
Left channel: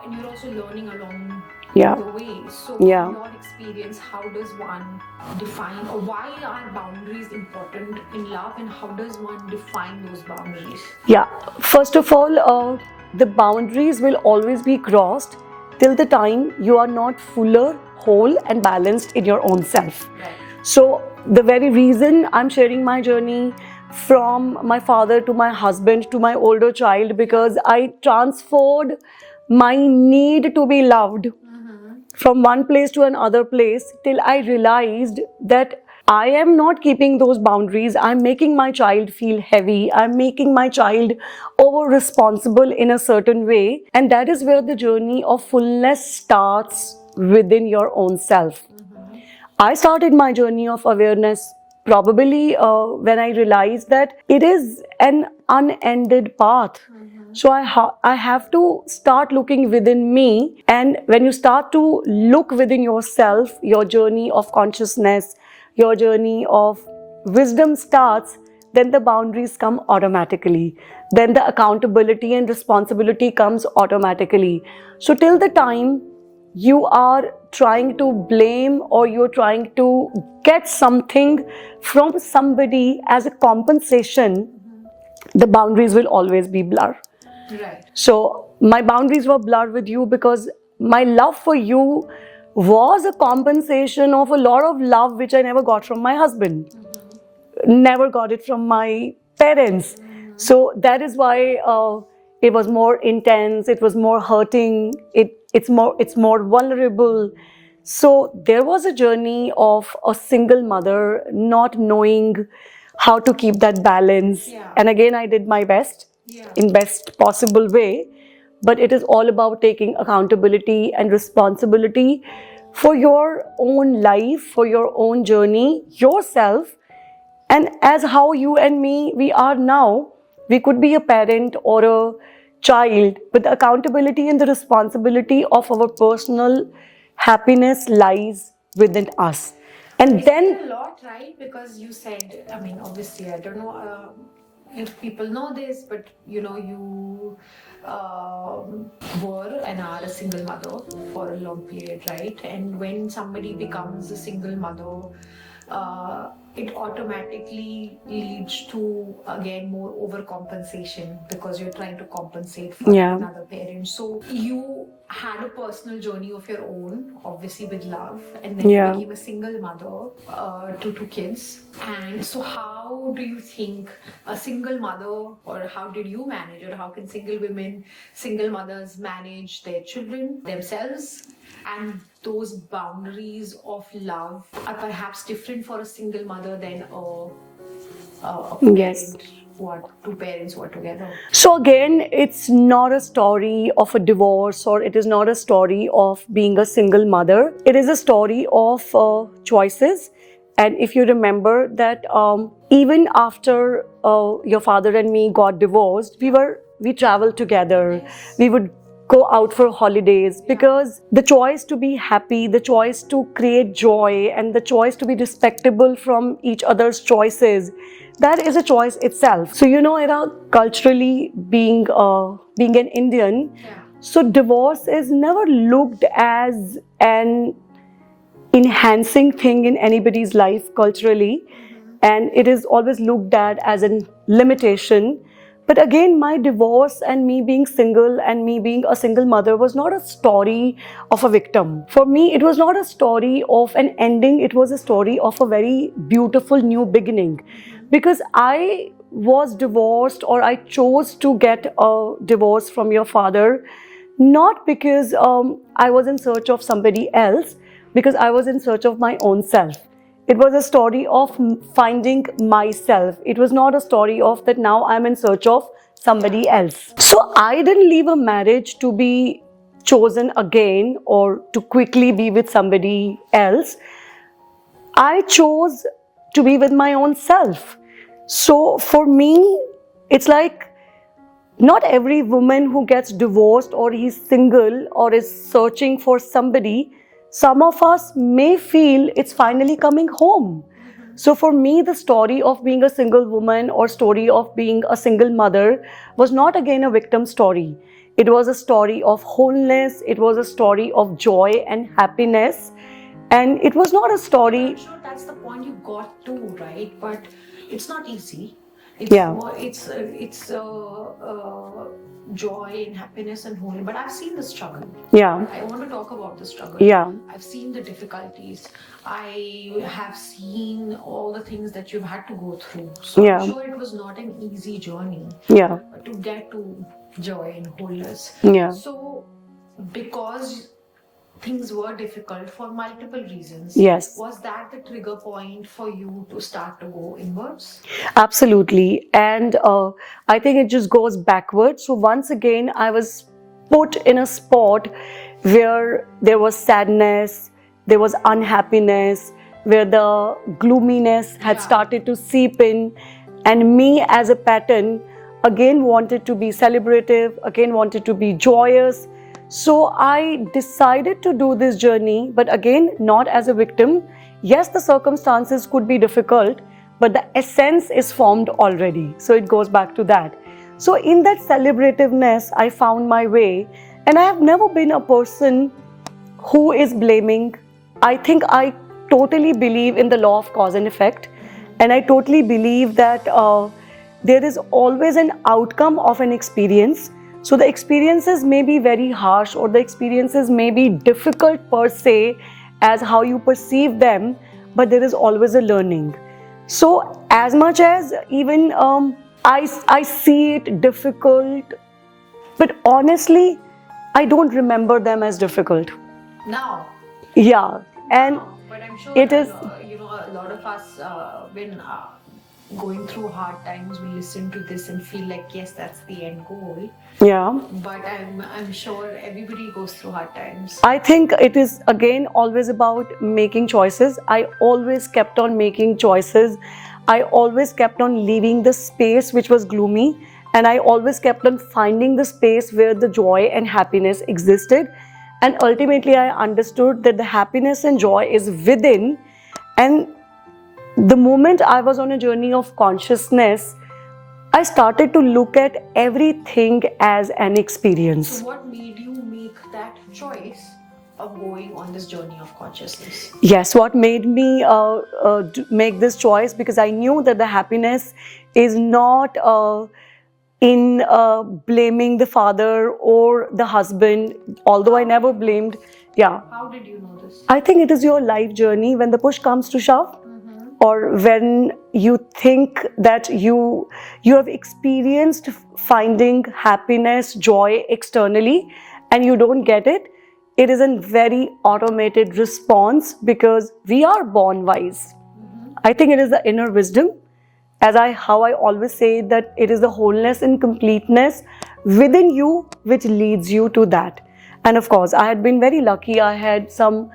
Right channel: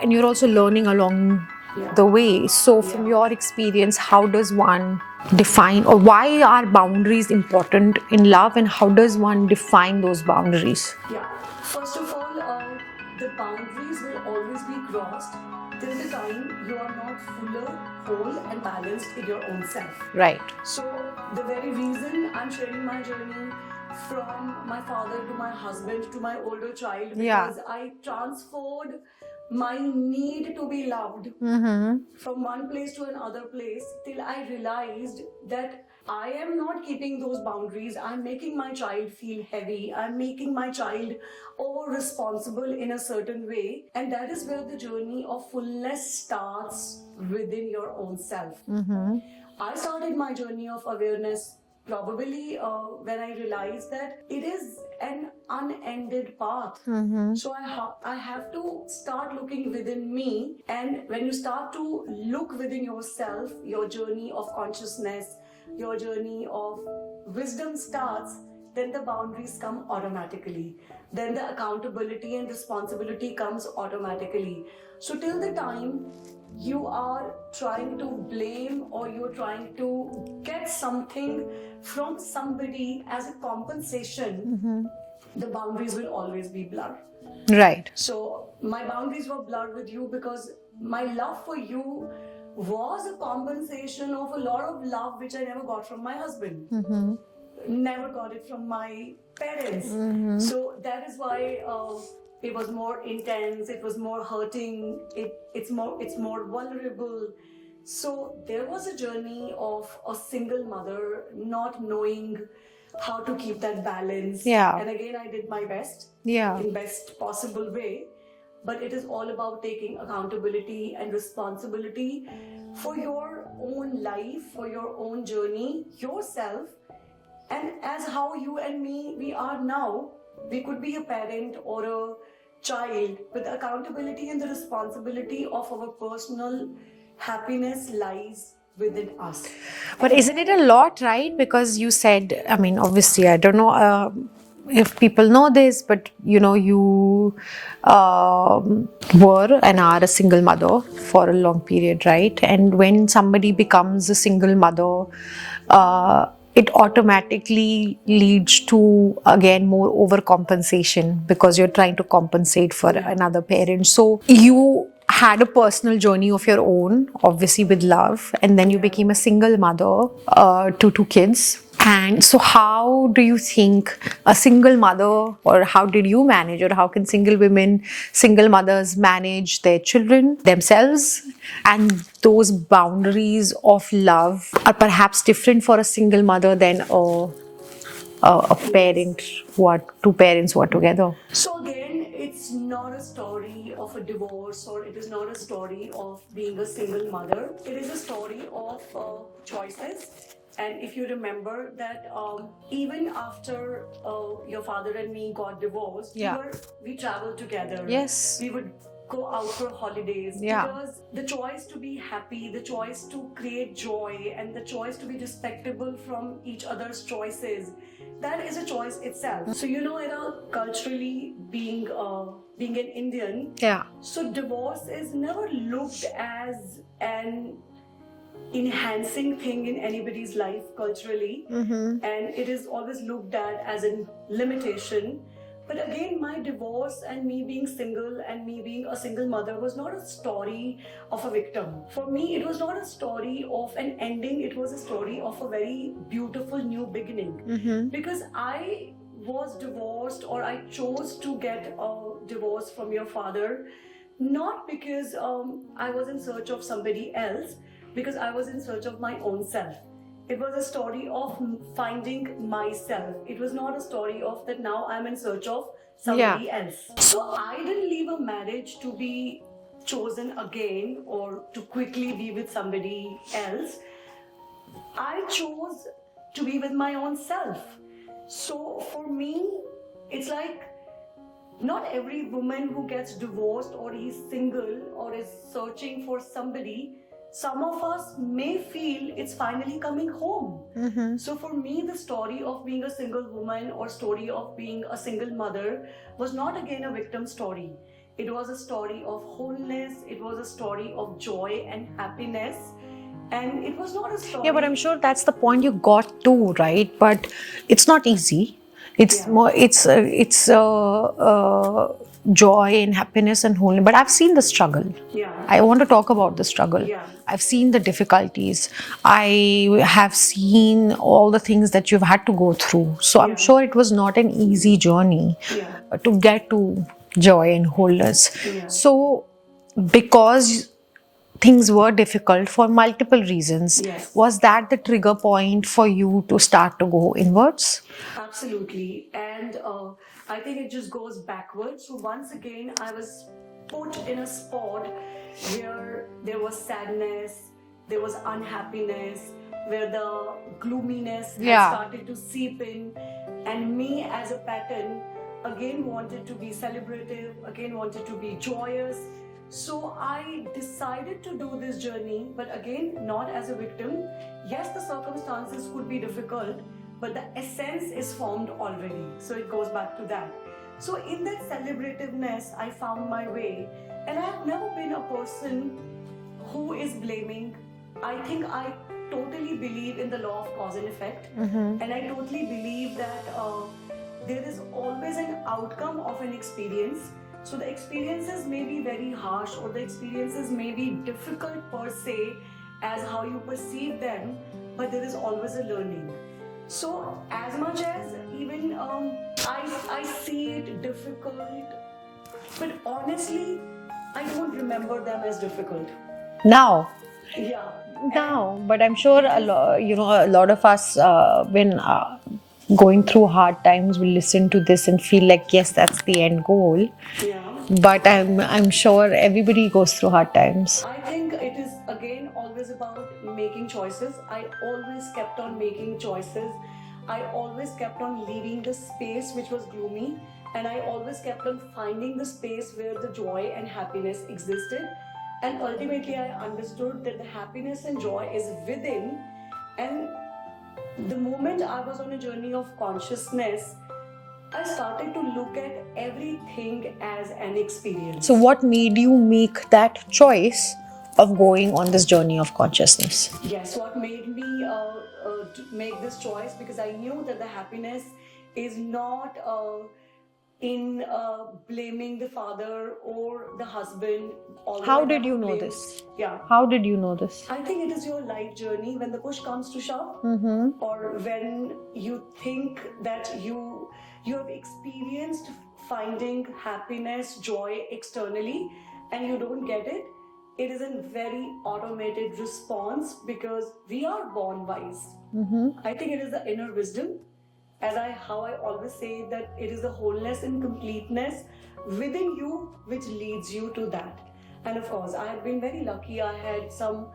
And you're also learning along Yeah. the way. So Yeah. from your experience, how does one define, or why are boundaries important in love, and how does one define those boundaries? Yeah. First of all, the boundaries will always be crossed till the time you are not fuller, whole, and balanced in your own self. Right. So, the very reason I'm sharing my journey from my father to my husband to my older child, because I transferred my need to be loved from one place to another place till I realized that I am not keeping those boundaries. I'm making my child feel heavy. I'm making my child over responsible in a certain way. And that is where the journey of fullness starts within your own self. I started my journey of awareness probably when I realized that it is an unended path. So I have to start looking within me. And when you start to look within yourself, your journey of consciousness, your journey of wisdom starts, then the boundaries come automatically. Then the accountability and responsibility comes automatically. So till the time you are trying to blame or you're trying to get something from somebody as a compensation, the boundaries will always be blurred. Right. So my boundaries were blurred with you because my love for you was a compensation of a lot of love which I never got from my husband. Never got it from my parents. So that is why it was more intense, it was more hurting, it's more vulnerable. So there was a journey of a single mother not knowing how to keep that balance. Yeah. And again, I did my best in best possible way. But it is all about taking accountability and responsibility for your own life, for your own journey, yourself. And as how you and me, we are now, we could be a parent or a child, but the accountability and the responsibility of our personal happiness lies within us. And isn't it a lot, right? Because you said, I mean, obviously, I don't know if people know this, but you know, you were and are a single mother for a long period, right? And when somebody becomes a single mother, it automatically leads to, again, more overcompensation because you're trying to compensate for another parent. So you had a personal journey of your own, obviously with love, and then you became a single mother to two kids. And so how do you think a single mother, or how did you manage, or how can single women, single mothers manage their children, themselves? And those boundaries of love are perhaps different for a single mother than a parent who are two parents who are together. So again, it's not a story of a divorce, or it is not a story of being a single mother. It is a story of choices. And if you remember that even after your father and me got divorced, we traveled together. Yes. We would go out for holidays because the choice to be happy, the choice to create joy, and the choice to be respectable from each other's choices, that is a choice itself. So you know, Era, culturally being an Indian, so divorce is never looked as an enhancing thing in anybody's life culturally, and it is always looked at as a limitation. But again, my divorce and me being single and me being a single mother was not a story of a victim. For me, it was not a story of an ending. It was a story of a very beautiful new beginning. Because I was divorced, or I chose to get a divorce from your father, not because I was in search of somebody else, because I was in search of my own self. It was a story of finding myself. It was not a story of that now I'm in search of somebody else. So I didn't leave a marriage to be chosen again or to quickly be with somebody else. I chose to be with my own self. So for me, it's like not every woman who gets divorced or is single or is searching for somebody, some of us may feel it's finally coming home. So for me, the story of being a single woman or story of being a single mother was not again a victim story. It was a story of wholeness. It was a story of joy and happiness. And it was not a story. Yeah, but I'm sure that's the point you got to, right? But it's not easy. It's Yeah. more. It's joy and happiness and wholeness. But I've seen the struggle. Yeah. I want to talk about the struggle. Yeah. I've seen the difficulties. I have seen all the things that you've had to go through. So Yeah. I'm sure it was not an easy journey Yeah. to get to joy and wholeness. Yeah. So because things were difficult for multiple reasons, Yes. was that the trigger point for you to start to go inwards? Absolutely. And I think it just goes backwards. So once again, I was put in a spot where there was sadness, there was unhappiness, where the gloominess had Yeah. started to seep in. And me as a pattern, again wanted to be celebrative, again wanted to be joyous. So I decided to do this journey, but again, not as a victim. Yes, the circumstances could be difficult, but the essence is formed already. So it goes back to that. So in that celebrativeness, I found my way. And I have never been a person who is blaming. I think I totally believe in the law of cause and effect. And I totally believe that there is always an outcome of an experience. So the experiences may be very harsh, or the experiences may be difficult per se as how you perceive them, but there is always a learning. So as much as even I see it difficult, but honestly, I don't remember them as difficult. Now, Yeah. no, but I'm sure it is- a lot of us when going through hard times will listen to this and feel like, yes, that's the end goal. Yeah. But I'm sure everybody goes through hard times. I think it is again always about making choices. I always kept on making choices. I always kept on leaving the space which was gloomy, and I always kept on finding the space where the joy and happiness existed. And ultimately, I understood that the happiness and joy is within. And the moment I was on a journey of consciousness, I started to look at everything as an experience. So what made you make that choice of going on this journey of consciousness? Yes, what made me make this choice, because I knew that the happiness is not in blaming the father or the husband, although How I did never you know blamed. this? Yeah. How did you know this? I think it is your life journey when the push comes to shove, or when you think that you have experienced finding happiness, joy externally, and you don't get it. It is a very automated response, because we are born wise. I think it is the inner wisdom, how I always say that it is the wholeness and completeness within you which leads you to that. And of course, I had been very lucky. I had some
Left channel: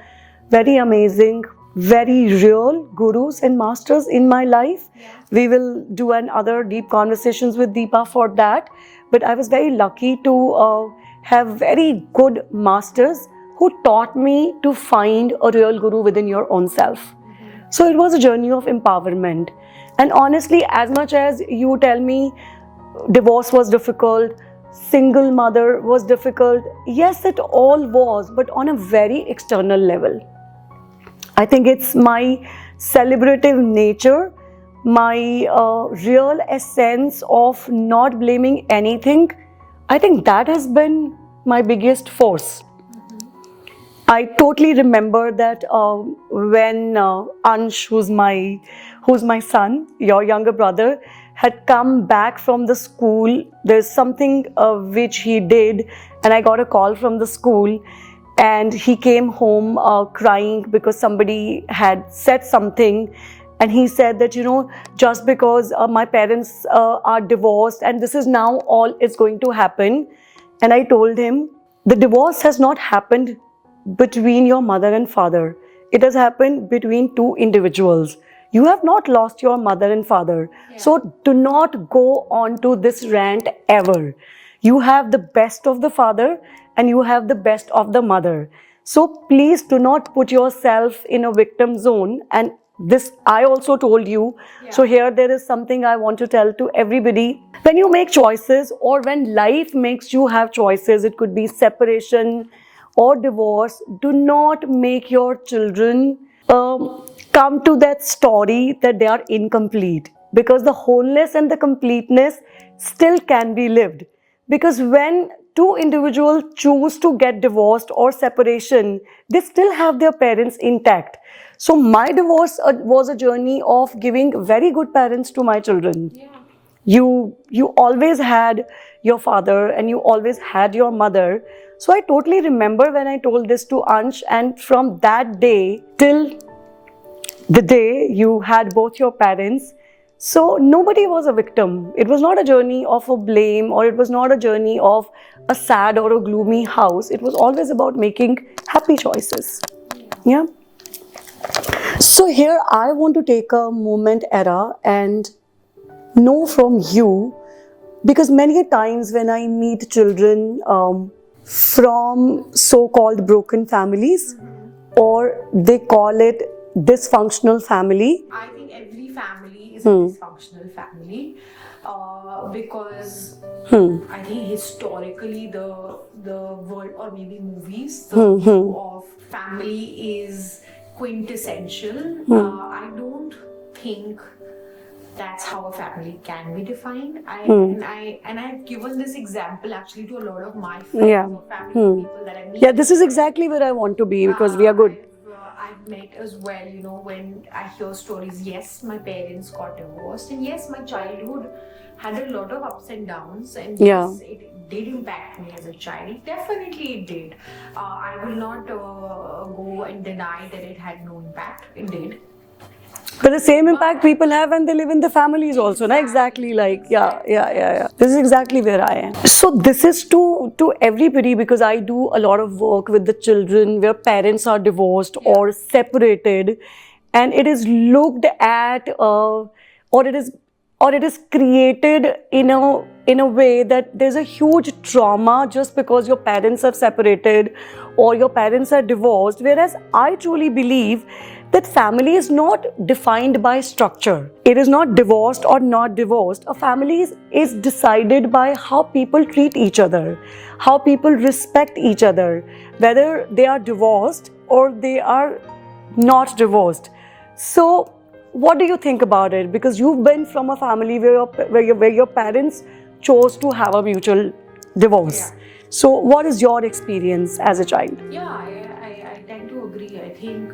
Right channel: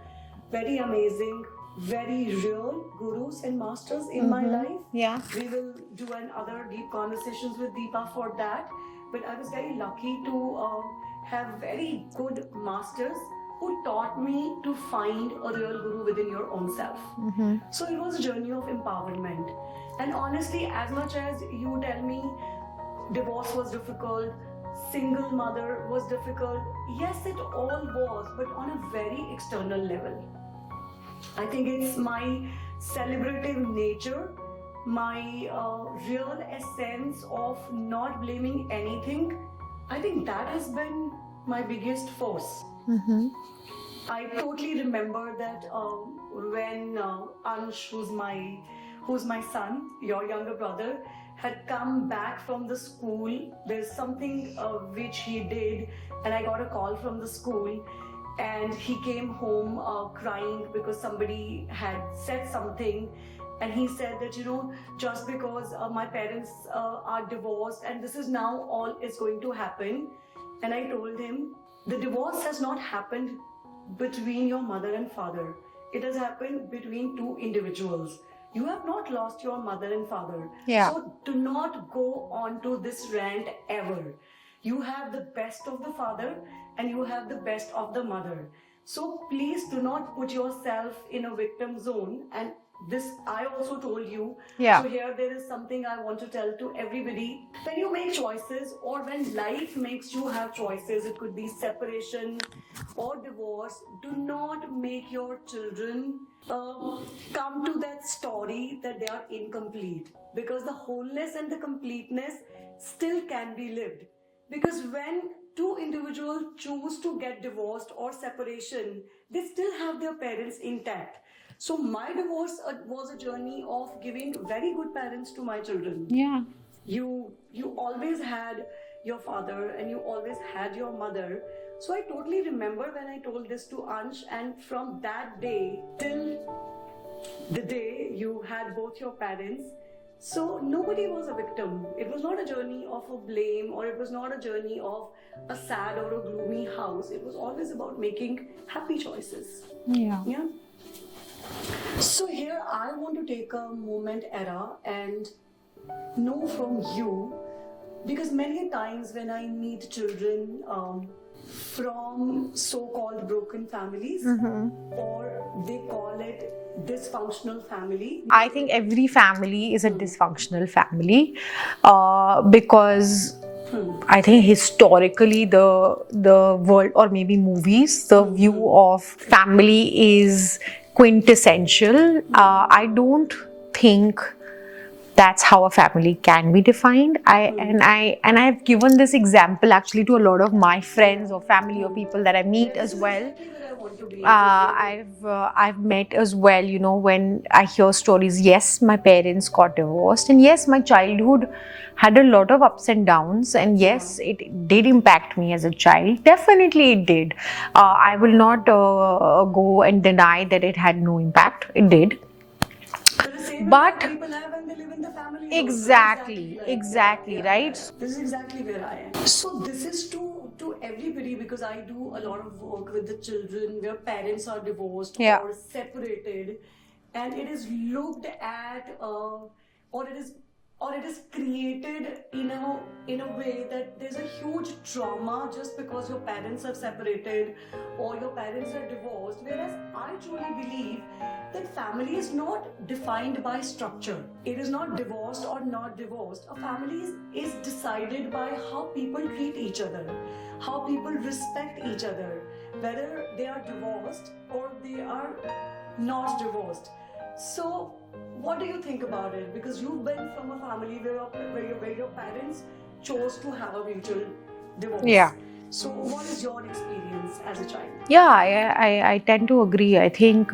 very amazing, very real gurus and masters in my life. Yeah. We will do another deep conversations with Deepa for that. But I was very lucky to have very good masters who taught me to find a real guru within your own self. So it was a journey of empowerment. And honestly, as much as you tell me divorce was difficult, single mother was difficult, yes, it all was, but on a very external level. I think it's my celebrative nature, my real essence of not blaming anything. I think that has been my biggest force. I totally remember that when Ansh, who's my son, your younger brother, had come back from the school. There's something which he did, and I got a call from the school, and he came home crying because somebody had said something. And he said that, just because my parents are divorced and this is now all is going to happen. And I told him, the divorce has not happened between your mother and father. It has happened between two individuals. You have not lost your mother and father. Yeah. So do not go on to this rant ever. You have the best of the father and you have the best of the mother. So please do not put yourself in a victim zone. And this I also told you. Yeah. So here there is something I want to tell to everybody. When you make choices, or when life makes you have choices, it could be separation or divorce, do not make your children come to that story that they are incomplete, because the wholeness and the completeness still can be lived. Because when two individuals choose to get divorced or separation, they still have their parents intact. So my divorce was a journey of giving very good parents to my children. Yeah. You always had your father and you always had your mother. So I totally remember when I told this to Ansh, and from that day till the day you had both your parents, so nobody was a victim. It was not a journey of a blame, or it was not a journey of a sad or a gloomy house. It was always about making happy choices. Yeah. So here I want to take a moment, Era, and know from you, because many times when I meet children from so-called broken families, or they call it dysfunctional family. I think every family is a dysfunctional family because I think historically the world, or maybe movies, the view of family is quintessential. I don't think that's how a family can be defined. And I've given this example actually to a lot of my friends or family or people that I meet. Yeah, this is well. exactly where I want to be, because we are good. I've met as well, you know, when I hear stories, yes, my parents got divorced, and yes, my childhood had a lot of ups and downs, and yes, it did impact me as a child. Definitely it did. I will not go and deny that it had no impact. It did. But the same impact people have when they live in the families also. Exactly. Yeah. This is exactly where I am. So this is to everybody, because I do a lot of work with the children where parents are divorced or separated, and it is looked at or it is created in a way that there's a huge trauma just because your parents have separated or your parents are divorced. Whereas I truly believe that family is not defined by structure. It is not divorced or not divorced. A family is decided by how people treat each other, how people respect each other, whether they are divorced or they are not divorced. So what do you think about it? Because you've been from a family where your parents chose to have a mutual divorce. Yeah. So what is your experience as a child? Yeah, I tend to agree. I think,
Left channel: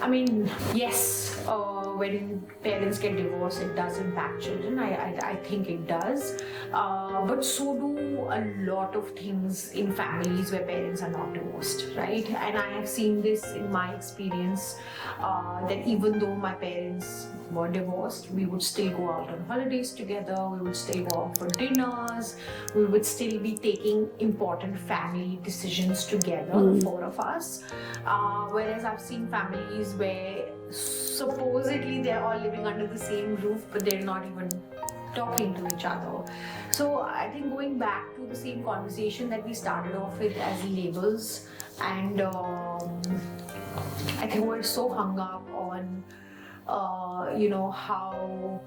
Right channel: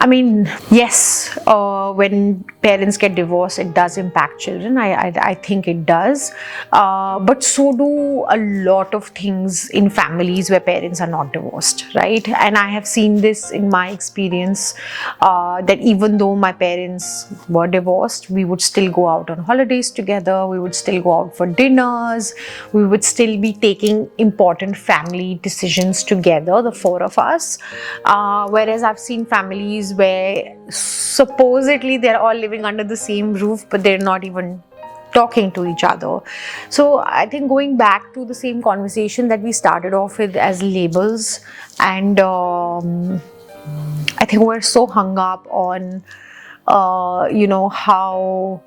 I mean, yes, when parents get divorced, it does impact children. I think it does. But so do a lot of things in families where parents are not divorced, right? And I have seen this in my experience, that even though my parents were divorced, we would still go out on holidays together, we would still go out for dinners, we would still be taking important family decisions together, the four of us. Whereas I've seen families where supposedly they're all living under the same roof, but they're not even talking to each other. So I think going back to the same conversation that we started off with as labels, and I think we're so hung up on how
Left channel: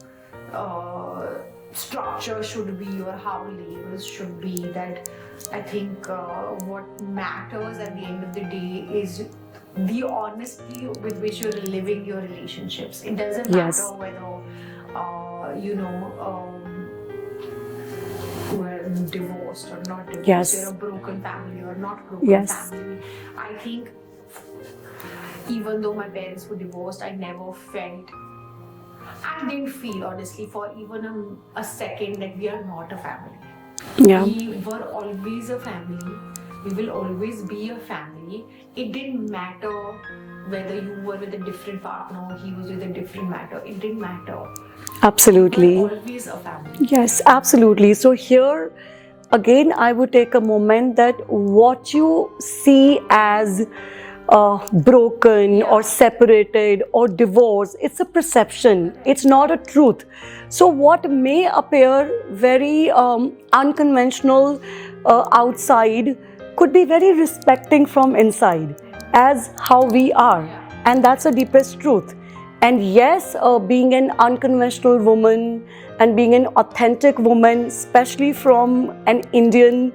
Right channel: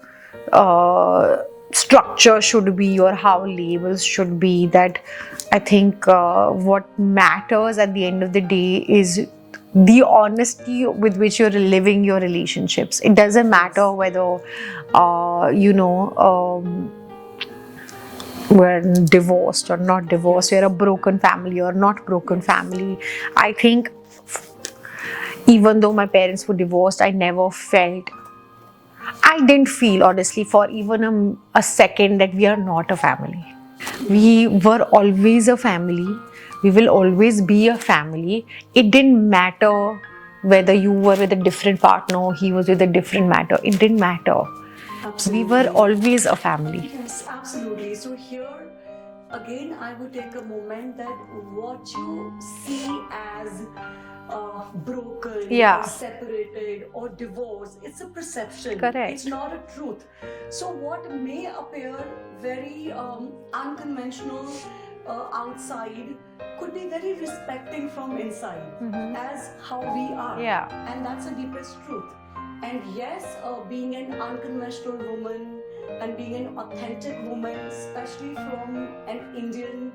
structure should be or how labels should be, that I think what matters at the end of the day is the honesty with which you're living your relationships. It doesn't matter whether we're divorced or not divorced, we're a broken family or not broken family. I think even though my parents were divorced, I didn't feel honestly for even a second that we are not a family. We were always a family. We will always be a family. It didn't matter whether you were with a different partner, he was with a different matter. It didn't matter. Absolutely. We were always a family. Yes, absolutely. So here, again, I would take a moment that what you see as broken or separated or divorced, it's a perception. Correct. It's not a truth. So what may appear very unconventional outside could be very respecting from inside as how we are. Yeah. And that's the deepest truth. And yes, being an unconventional woman and being an authentic woman, especially from an Indian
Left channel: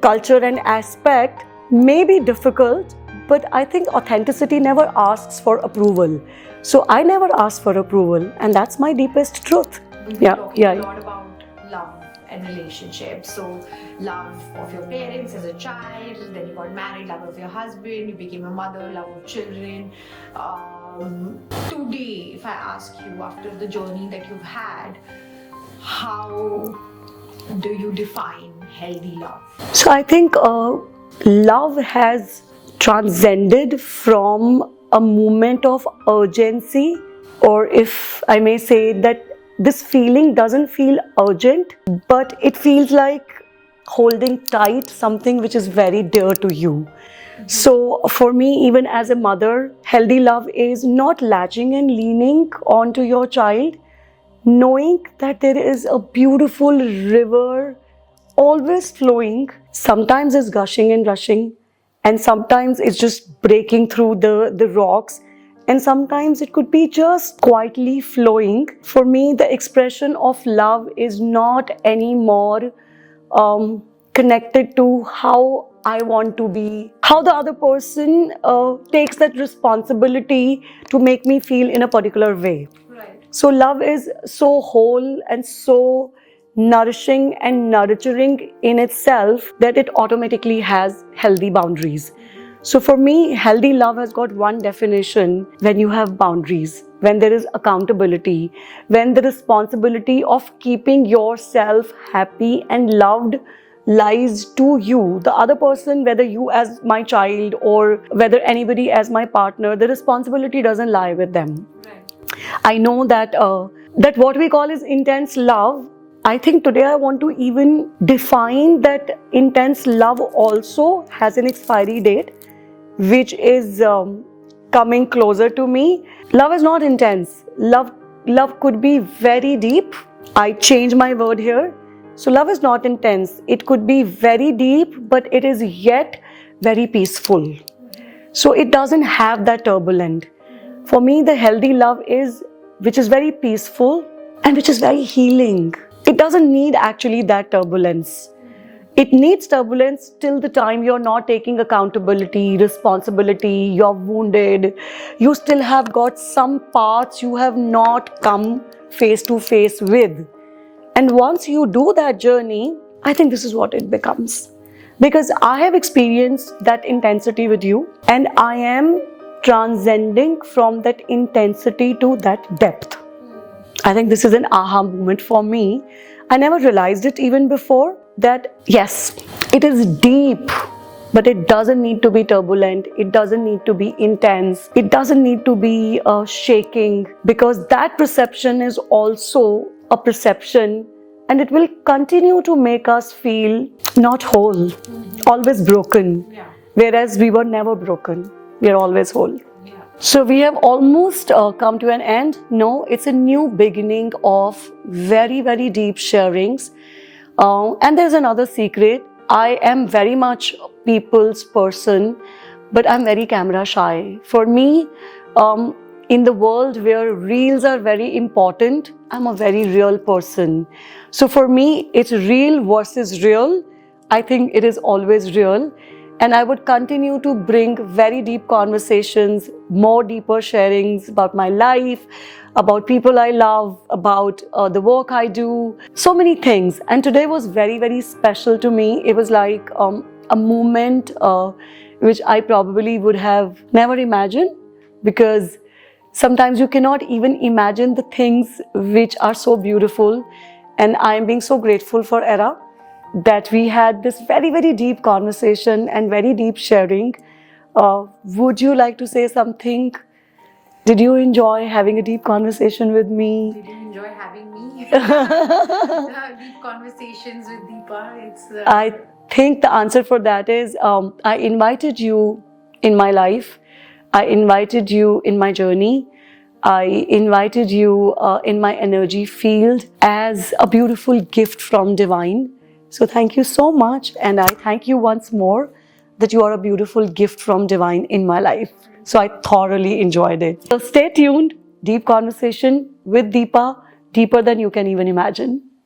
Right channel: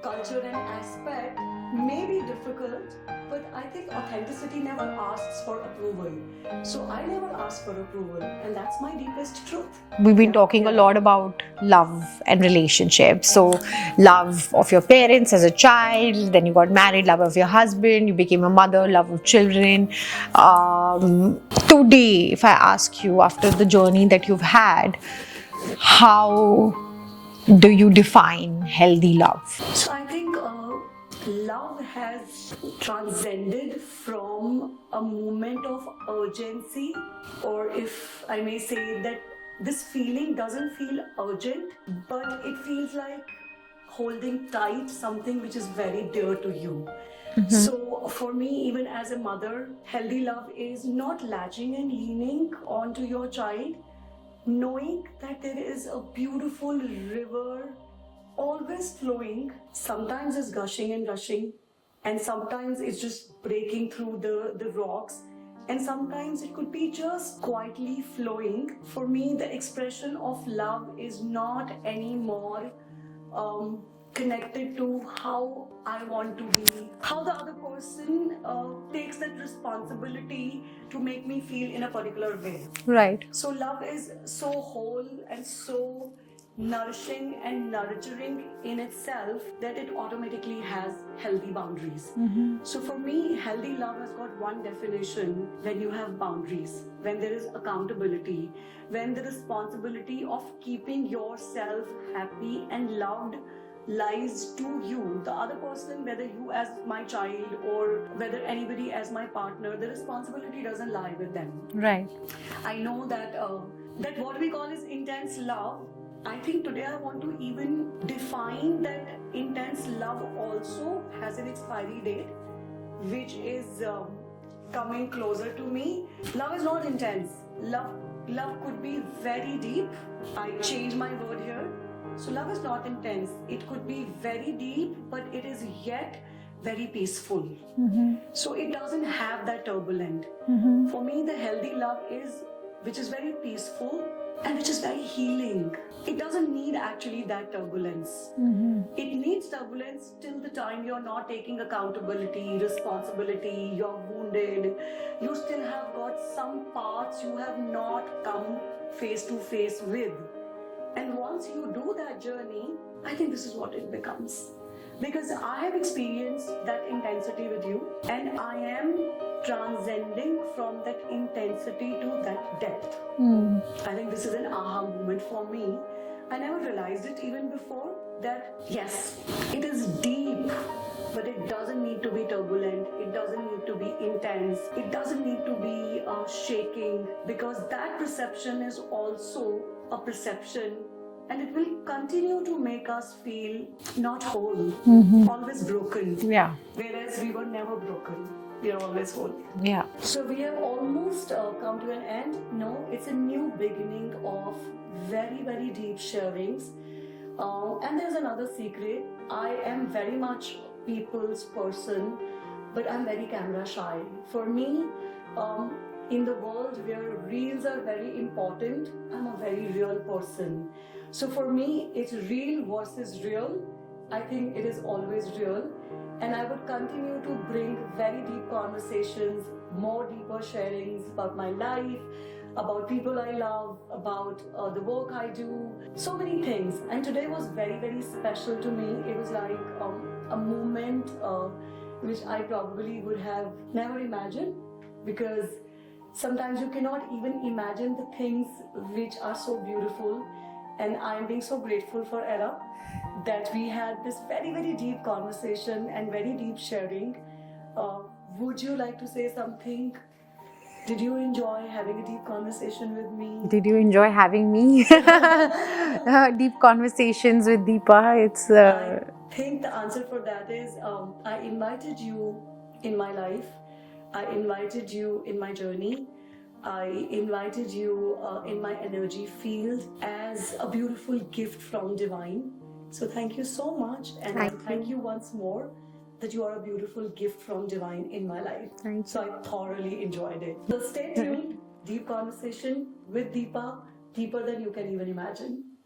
culture and aspect, may be difficult, but I think authenticity never asks for approval. So I never ask for approval, and that's my deepest truth. We've been talking a lot about love and relationships. So, love of your parents as a child, then you got married, love of your husband, you became a mother, love of children. Today, if I ask you, after the journey that you've had, how do you define healthy love? So I think love has transcended from a moment of urgency, or if I may say that this feeling doesn't feel urgent, but it feels like holding tight something which is very dear to you. So for me, even as a mother, healthy love is not latching and leaning onto your child, knowing that there is a beautiful river always flowing. Sometimes it's gushing and rushing, and sometimes it's just breaking through the rocks, and sometimes it could be just quietly flowing. For me, the expression of love is not anymore connected to how I want to be, how the other person takes that responsibility to make me feel in a particular way. Right. So love is so whole and so nourishing and nurturing in itself that it automatically has healthy boundaries. So for me, healthy love has got one definition: when you have boundaries, when there is accountability, when the responsibility of keeping yourself happy and loved lies to you. The other person, whether you as my child or whether anybody as my partner, the responsibility doesn't lie with them. Right. I know that that what we call is intense love. I think today I want to even define that intense love also has an expiry date, which is coming closer to me. Love is not intense. Love could be very deep. I change my word here. So love is not intense. It could be very deep, but it is yet very peaceful. So it doesn't have that turbulent. For me, the healthy love is which is very peaceful and which is very healing. It doesn't need actually that turbulence. It needs turbulence till the time you're not taking accountability, responsibility, you're wounded, you still have got some parts you have not come face to face with. And once you do that journey, I think this is what it becomes. Because I have experienced that intensity with you, and I am transcending from that intensity to that depth. I think this is an aha moment for me. I never realized it even before that yes, it is deep, but it doesn't need to be turbulent. It doesn't need to be intense. It doesn't need to be shaking, because that perception is also a perception, and it will continue to make us feel not whole, always broken. Yeah. Whereas we were never broken. We are always whole. Yeah. So we have almost come to an end. No, it's a new beginning of very, very deep sharings. And there's another secret. I am very much a people's person, but I'm very camera shy. For me, in the world where reels are very important, I'm a very real person. So for me, it's real versus real. I think it is always real. And I would continue to bring very deep conversations, more deeper sharings about my life, about people I love, about the work I do, so many things. And today was very, very special to me. It was like a moment which I probably would have never imagined, because sometimes you cannot even imagine the things which are so beautiful. And I am being so grateful for Era that we had this very, very deep conversation and very deep sharing. Would you like to say something? Did you enjoy having a deep conversation with me? Did you enjoy having me? Deep conversations with Deepa. It's. I think the answer for that is I invited you in my life. I invited you in my journey. I invited you in my energy field as a beautiful gift from Divine. So thank you so much, and I thank you once more that you are a beautiful gift from divine in my life. So I thoroughly enjoyed it. So stay tuned. Deep conversation with Deepa, deeper than you can even imagine.